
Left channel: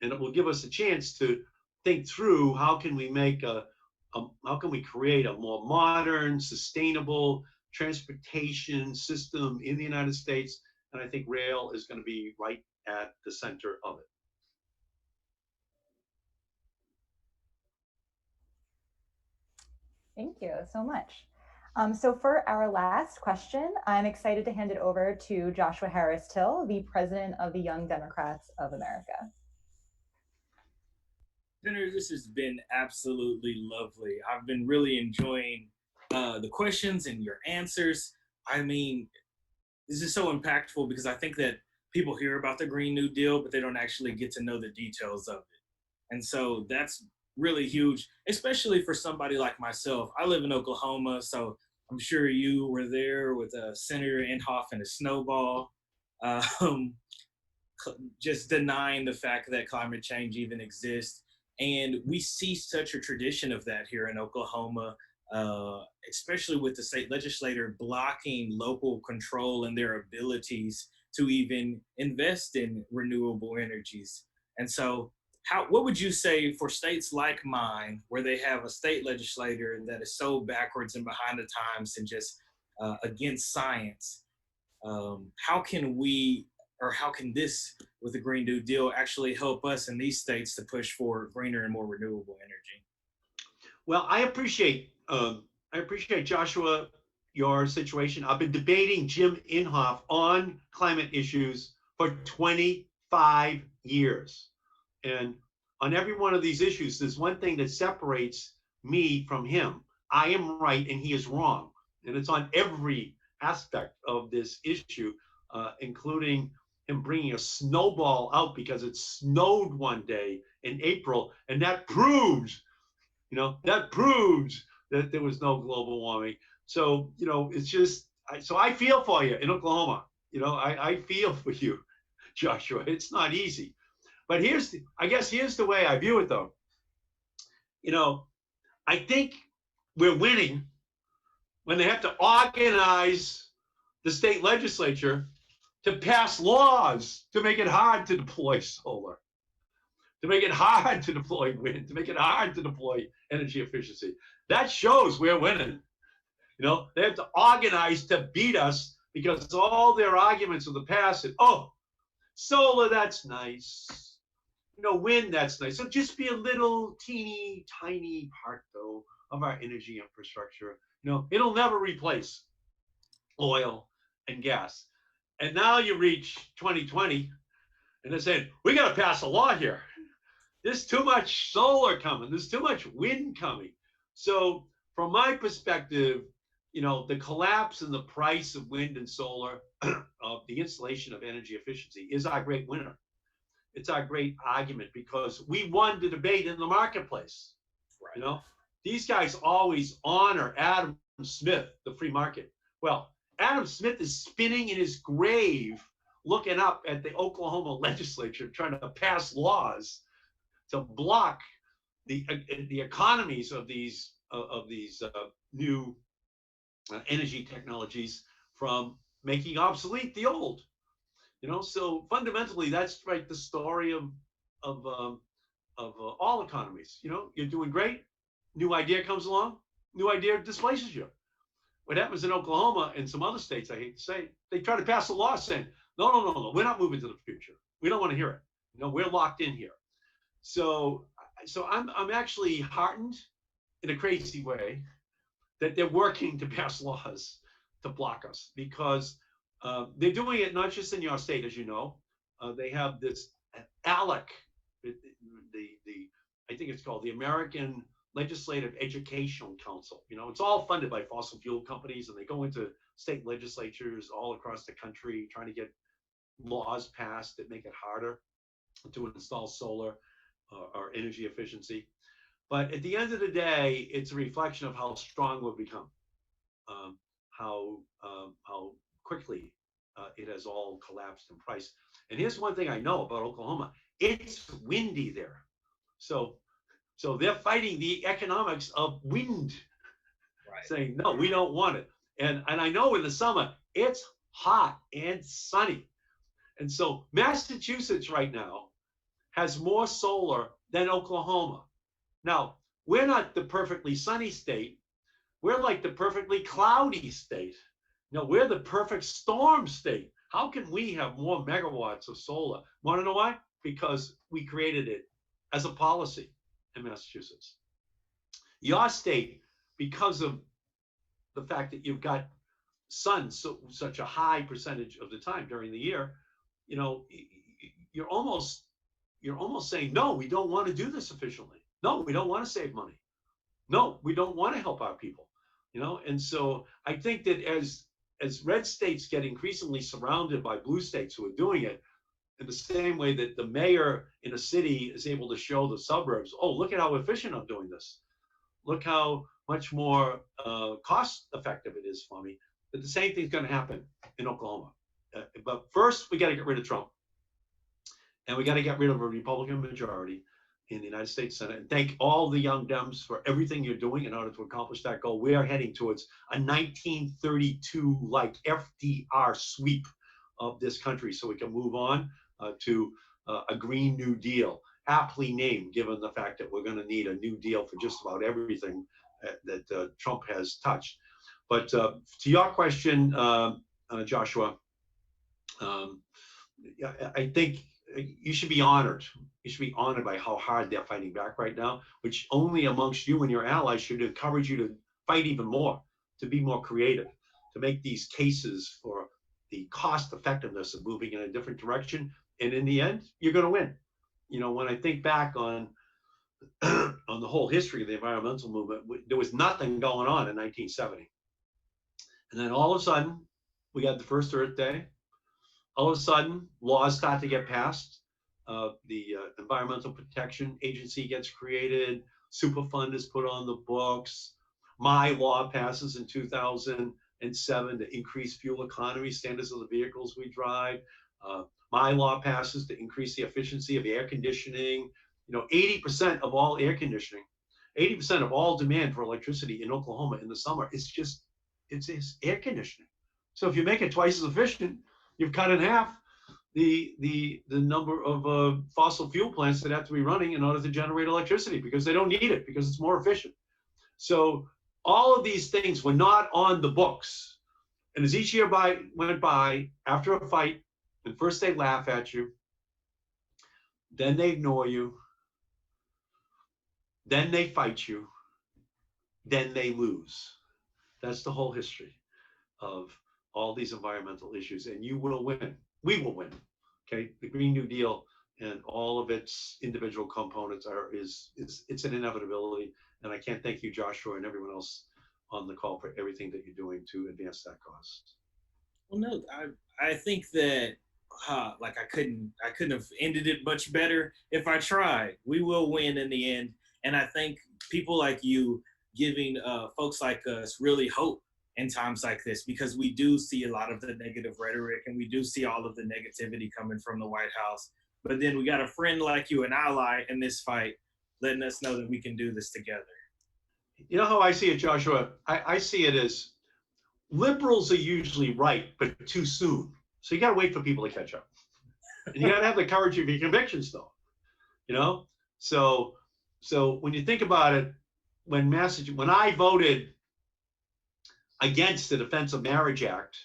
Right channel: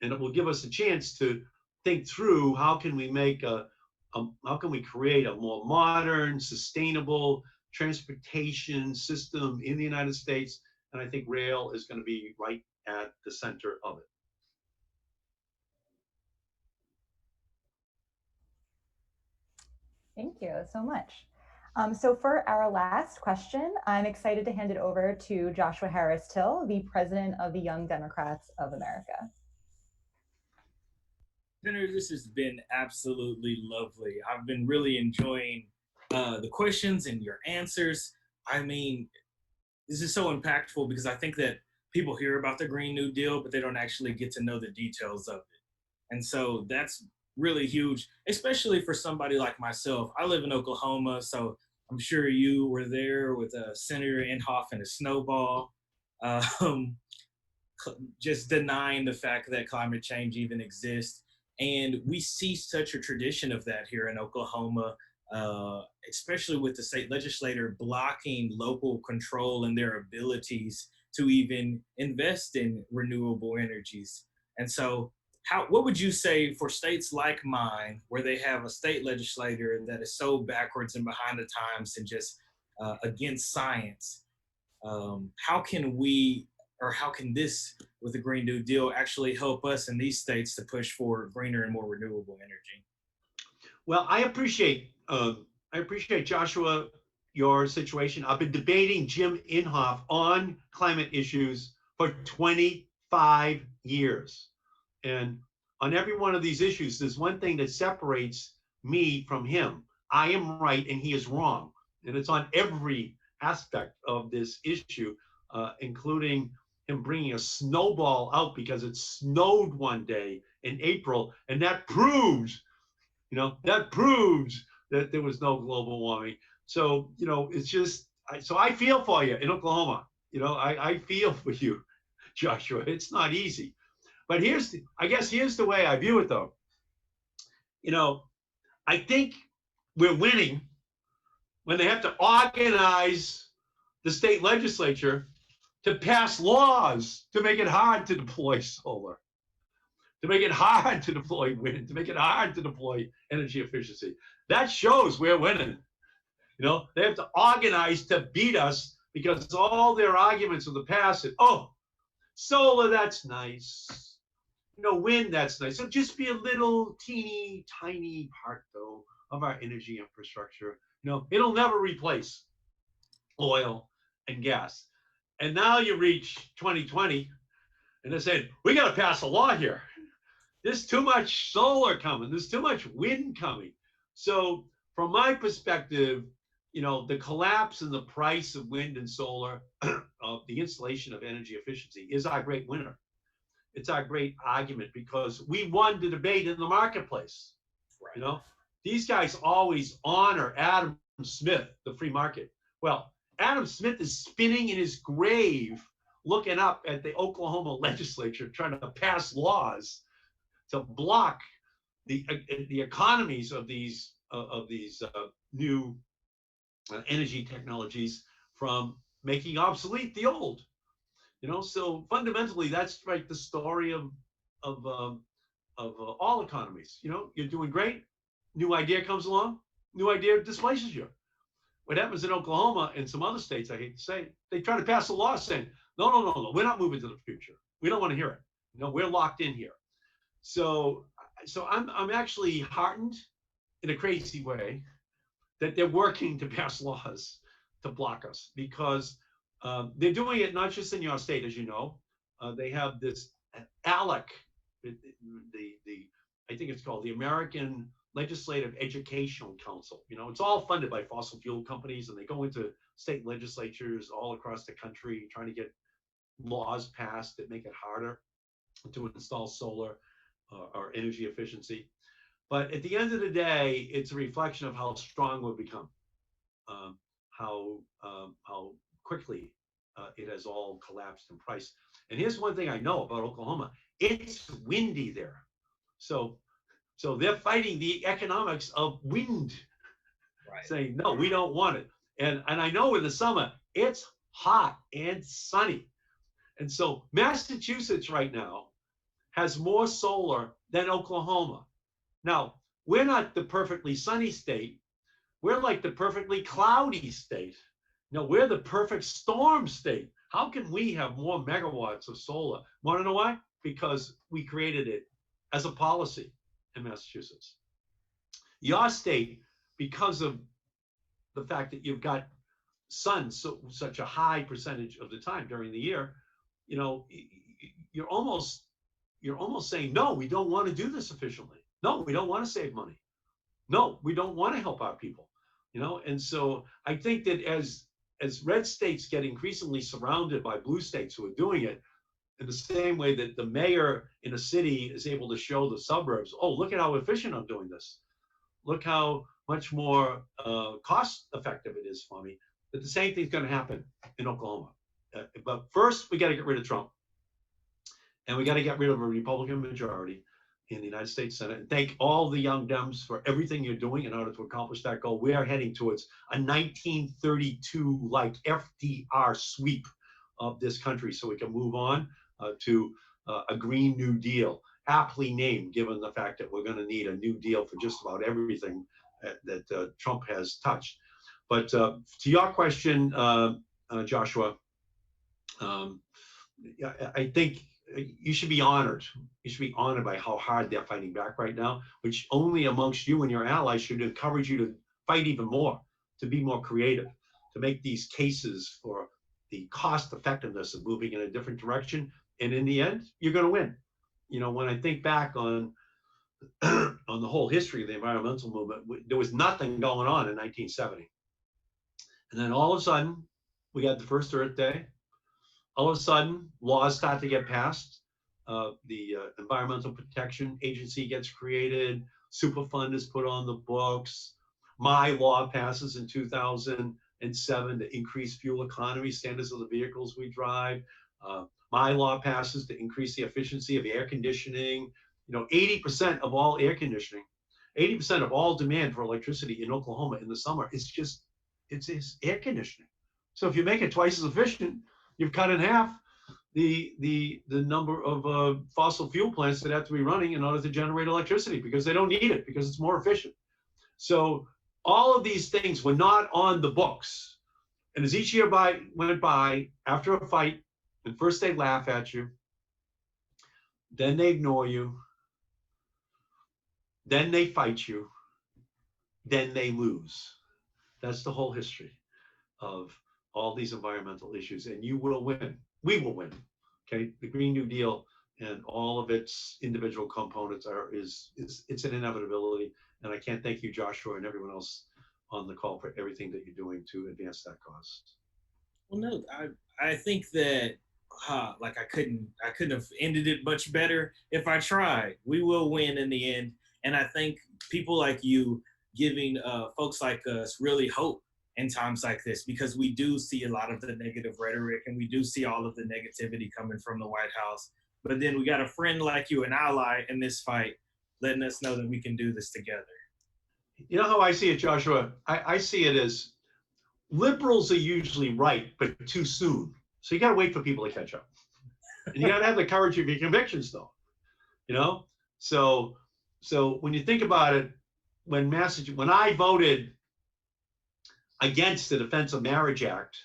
and it will give us a chance to think through how can we make how can we create a more modern, sustainable transportation system in the United States, and I think rail is going to be right at the center of it. Thank you so much. So for our last question, I'm excited to hand it over to Joshua Harris Till, the president of the Young Democrats of America. Senator, this has been absolutely lovely. I've been really enjoying the questions and your answers. I mean, this is so impactful because I think that people hear about the Green New Deal, but they don't actually get to know the details of it. And so that's really huge, especially for somebody like myself. I live in Oklahoma, so I'm sure you were there with Senator Inhofe and a snowball, just denying the fact that climate change even exists. And we see such a tradition of that here in Oklahoma, especially with the state legislator blocking local control and their abilities to even invest in renewable energies. And so what would you say for states like mine, where they have a state legislator that is so backwards and behind the times and just against science? How can we, or how can this, with the Green New Deal, actually help us in these states to push for greener and more renewable energy? Well, I appreciate Joshua, your situation. I've been debating Jim Inhofe on climate issues for 25 years. And on every one of these issues, there's one thing that separates me from him. I am right and he is wrong. And it's on every aspect of this issue, including him bringing a snowball out because it snowed one day in April. And that proves, that there was no global warming. So, it's just, so I feel for you in Oklahoma. I feel for you, Joshua. It's not easy. But here's the way I view it, though. I think we're winning when they have to organize the state legislature to pass laws to make it hard to deploy solar, to make it hard to deploy wind, to make it hard to deploy energy efficiency. That shows we're winning. They have to organize to beat us because all their arguments of the past is, oh, solar, that's nice. Wind, that's nice. So just be a little teeny tiny part, though, of our energy infrastructure. It'll never replace oil and gas. And now you reach 2020, and they said, we got to pass a law here. There's too much solar coming. There's too much wind coming. So from my perspective, the collapse in the price of wind and solar, of the installation of energy efficiency, is our great winner. It's our great argument because we won the debate in the marketplace. Right. These guys always honor Adam Smith, the free market. Well, Adam Smith is spinning in his grave, looking up at the Oklahoma legislature, trying to pass laws to block the economies of these new energy technologies from making obsolete the old. So fundamentally, that's right. The story of all economies. You're doing great. New idea comes along. New idea displaces you. What happens in Oklahoma and some other states, I hate to say, they try to pass a law saying, no, we're not moving to the future. We don't want to hear it. We're locked in here. So I'm actually heartened in a crazy way that they're working to pass laws to block us, because They're doing it not just in your state, as you know. They have this ALEC, the I think it's called the American Legislative Educational Council. You know, it's all funded by fossil fuel companies, and they go into state legislatures all across the country trying to get laws passed that make it harder to install solar or energy efficiency. But at the end of the day, it's a reflection of how strong we've become, how quickly it has all collapsed in price. And here's one thing I know about Oklahoma: it's windy there. So they're fighting the economics of wind, right, saying no, we don't want it. And I know in the summer it's hot and sunny, and so Massachusetts right now has more solar than Oklahoma. Now, we're not the perfectly sunny state. We're like the perfectly cloudy state. No, we're the perfect storm state. How can we have more megawatts of solar? Want to know why? Because we created it as a policy in Massachusetts. Your state, because of the fact that you've got sun such a high percentage of the time during the year, you know, you're almost saying, no, we don't want to do this efficiently. No, we don't want to save money. No, we don't want to help our people. You know, and so I think that as red states get increasingly surrounded by blue states who are doing it, in the same way that the mayor in a city is able to show the suburbs, oh, look at how efficient I'm doing this. Look how much more cost effective it is for me. That the same thing's going to happen in Oklahoma. But first, we got to get rid of Trump. And we got to get rid of a Republican majority in the United States Senate. And thank all the young Dems for everything you're doing in order to accomplish that goal. We are heading towards a 1932-like FDR sweep of this country so we can move on to a Green New Deal, aptly named given the fact that we're going to need a new deal for just about everything that Trump has touched. But to your question, Joshua, I think you should be honored. You should be honored by how hard they're fighting back right now, which only amongst you and your allies should encourage you to fight even more, to be more creative, to make these cases for the cost effectiveness of moving in a different direction. And in the end, you're going to win. You know, when I think back on on the whole history of the environmental movement, there was nothing going on in 1970. And then all of a sudden, we got the first Earth Day. All of a sudden, laws start to get passed. The Environmental Protection Agency gets created. Superfund is put on the books. My law passes in 2007 to increase fuel economy standards of the vehicles we drive. My law passes to increase the efficiency of air conditioning. You know, 80% of all air conditioning, 80% of all demand for electricity in Oklahoma in the summer is just, it's air conditioning. So if you make it twice as efficient, you've cut in half the number of fossil fuel plants that have to be running in order to generate electricity because they don't need it because it's more efficient. So all of these things were not on the books. And as each year went by, after a fight, and first they laugh at you, then they ignore you, then they fight you, then they lose. That's the whole history of all these environmental issues, and you will win. We will win. Okay, the Green New Deal and all of its individual components it's an inevitability, and I can't thank you, Joshua, and everyone else on the call for everything that you're doing to advance that cause. Well, no, I think that like I couldn't have ended it much better if I tried. We will win in the end, and I think people like you giving folks like us really hope in times like this, because we do see a lot of the negative rhetoric and we do see all of the negativity coming from the White House. But then we got a friend like you, an ally in this fight, letting us know that we can do this together. You know how I see it, Joshua? I see it as liberals are usually right, but too soon. So you got to wait for people to catch up. And you got to have the courage of your convictions, though. You know? So when you think about it, when I voted against the Defense of Marriage Act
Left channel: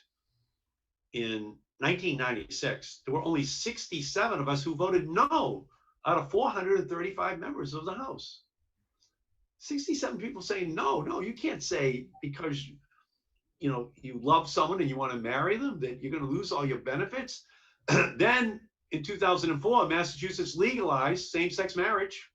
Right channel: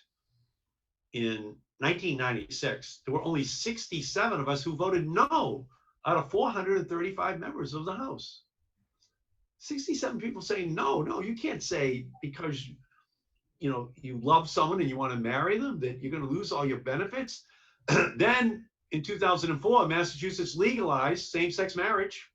in 1996, there were only 67 of us who voted no out of 435 members of the House. 67 people saying no, you can't say because you love someone and you want to marry them, that you're going to lose all your benefits. Then in 2004, Massachusetts legalized same-sex marriage.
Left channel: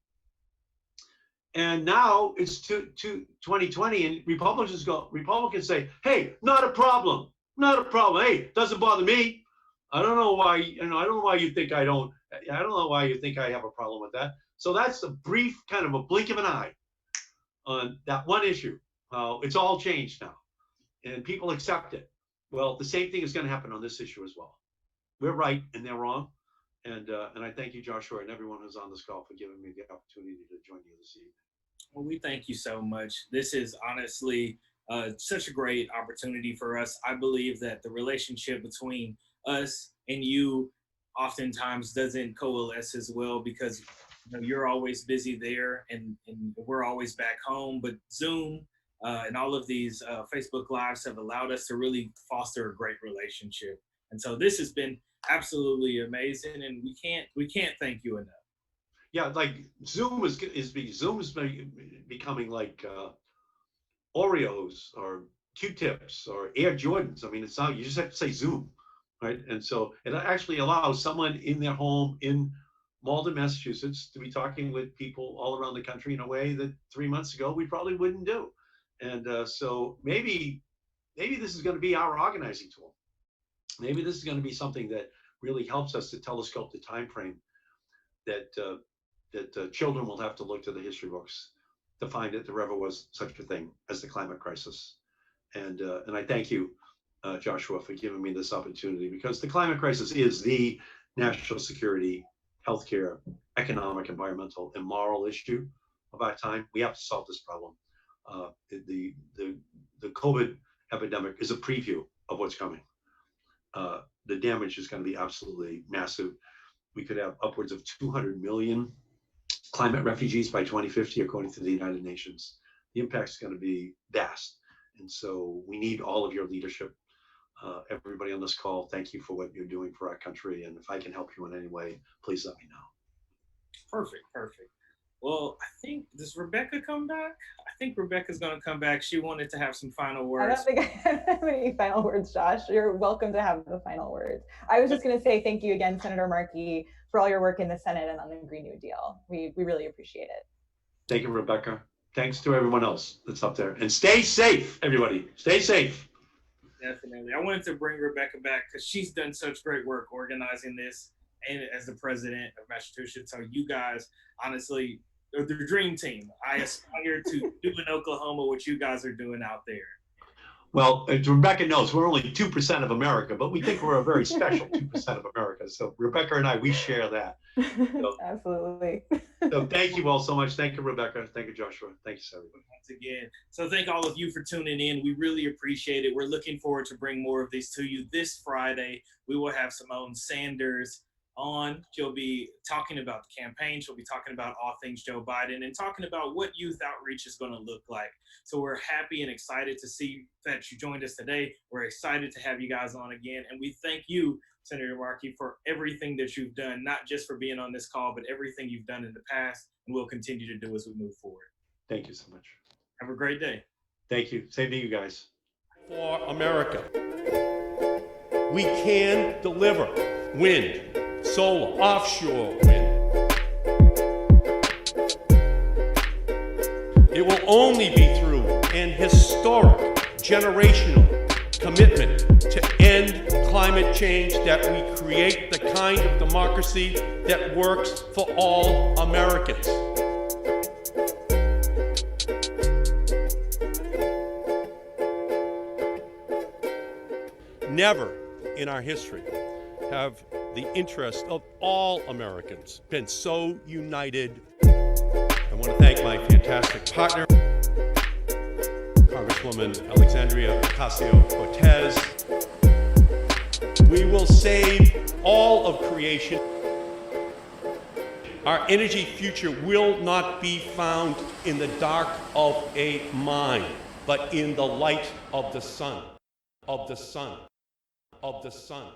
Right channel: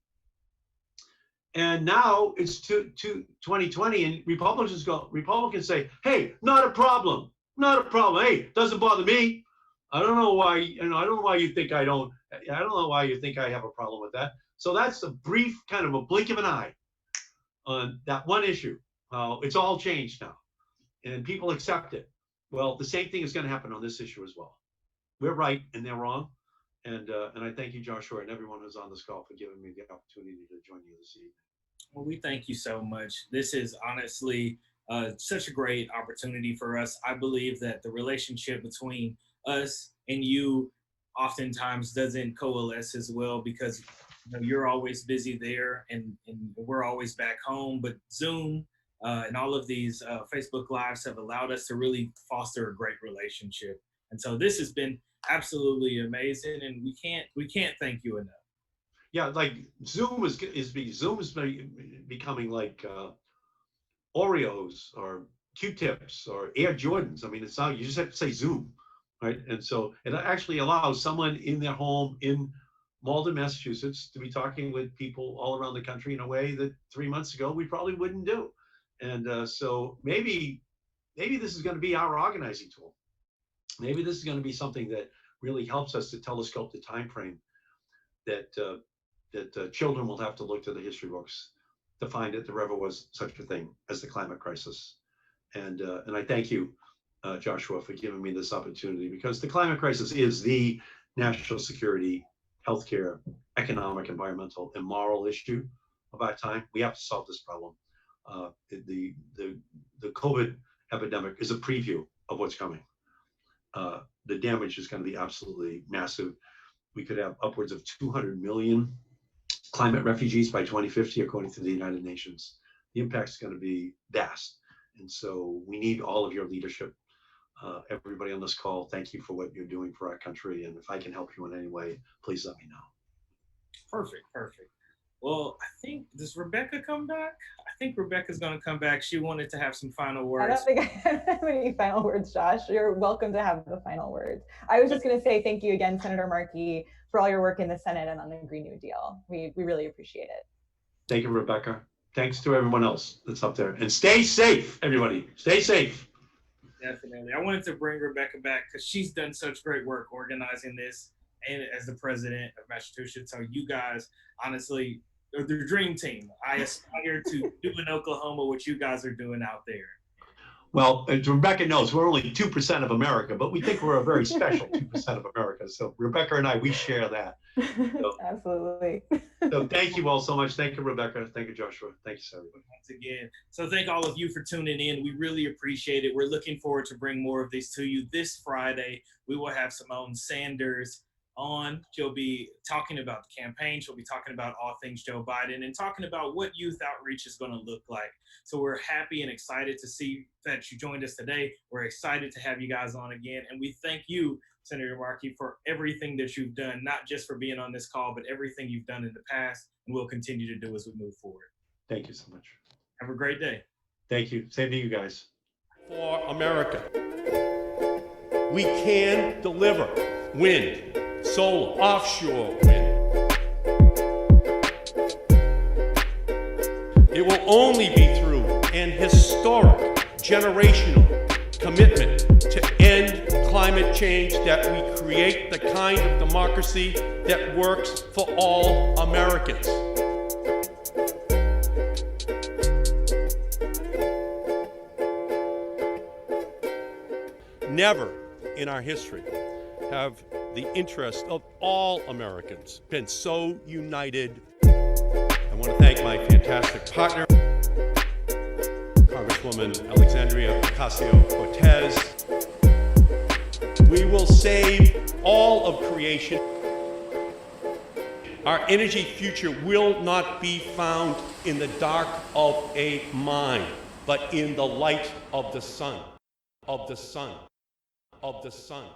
And now it's 2020, and Republicans say, hey, not a problem, not a problem. Hey, doesn't bother me. I don't know why, I don't know why you think I don't know why you think I have a problem with that. So that's a brief kind of a blink of an eye on that one issue. It's all changed now and people accept it. Well, the same thing is going to happen on this issue as well. We're right and they're wrong. And I thank you, Joshua, and everyone who's on this call for giving me the opportunity to join you this evening. Well, we thank you so much. This is honestly such a great opportunity for us. I believe that the relationship between us and you oftentimes doesn't coalesce as well because you're always busy there and we're always back home. But Zoom and all of these Facebook Lives have allowed us to really foster a great relationship. And so this has been absolutely amazing, and we can't thank you enough. Yeah, like Zoom is becoming like Oreos or Q-tips or Air Jordans. I mean, it's not, you just have to say Zoom, right? And so it actually allows someone in their home in Malden, Massachusetts, to be talking with people all around the country in a way that 3 months ago we probably wouldn't do. And so maybe this is going to be our organizing tool. Maybe this is going to be something that really helps us to telescope the time frame that children will have to look to the history books to find that there ever was such a thing as the climate crisis. And I thank you, Joshua, for giving me this opportunity, because the climate crisis is the national security, healthcare, economic, environmental, and moral issue of our time. We have to solve this problem. The COVID epidemic is a preview of what's coming. The damage is going to be absolutely massive. We could have upwards of 200 million climate refugees by 2050, according to the United Nations. The impact is going to be vast. And so we need all of your leadership. Everybody on this call, thank you for what you're doing for our country. And if I can help you in any way, please let me know. Perfect. Well, I think, does Rebecca come back? I think Rebecca's going to come back. She wanted to have some final words. I don't think I have any final words, Josh. You're welcome to have the final words. I was just going to say thank you again, Senator Markey, for all your work in the Senate and on the Green New Deal. We really appreciate it. Thank you, Rebecca. Thanks to everyone else that's up there. And stay safe, everybody. Stay safe. Definitely. I wanted to bring Rebecca back because she's done such great work organizing this and as the president of Massachusetts. So you guys, honestly, are the dream team. I aspire to do in Oklahoma what you guys are doing out there. Well, as Rebecca knows, we're only 2% of America, but we think we're a very special 2% of America. So Rebecca and I, we share that. So, absolutely. So thank you all so much. Thank you, Rebecca. Thank you, Joshua. Thank you, everybody. Once again. So thank all of you for tuning in. We really appreciate it. We're looking forward to bring more of these to you. This Friday, we will have Simone Sanders on. She'll be talking about the campaign. She'll be talking about all things Joe Biden and talking about what youth outreach is going to look like. So we're happy and excited to see that you joined us today. We're excited to have you guys on again. And we thank you, Senator Markey, for everything that you've done, not just for being on this call, but everything you've done in the past and will continue to do as we move forward. Thank you so much. Have a great day. Thank you. Same to you guys. For America, we can deliver wind, solar, offshore wind. It will only be through an historic, generational commitment to end climate change that we create the kind of democracy that works for all Americans. Never in our history have the interests of all Americans been so united. I want to thank my fantastic partner, Congresswoman Alexandria Ocasio-Cortez. We will save all of creation. Our energy future will not be found in the dark of a mine, but in the light of the sun, of the sun, of the sun.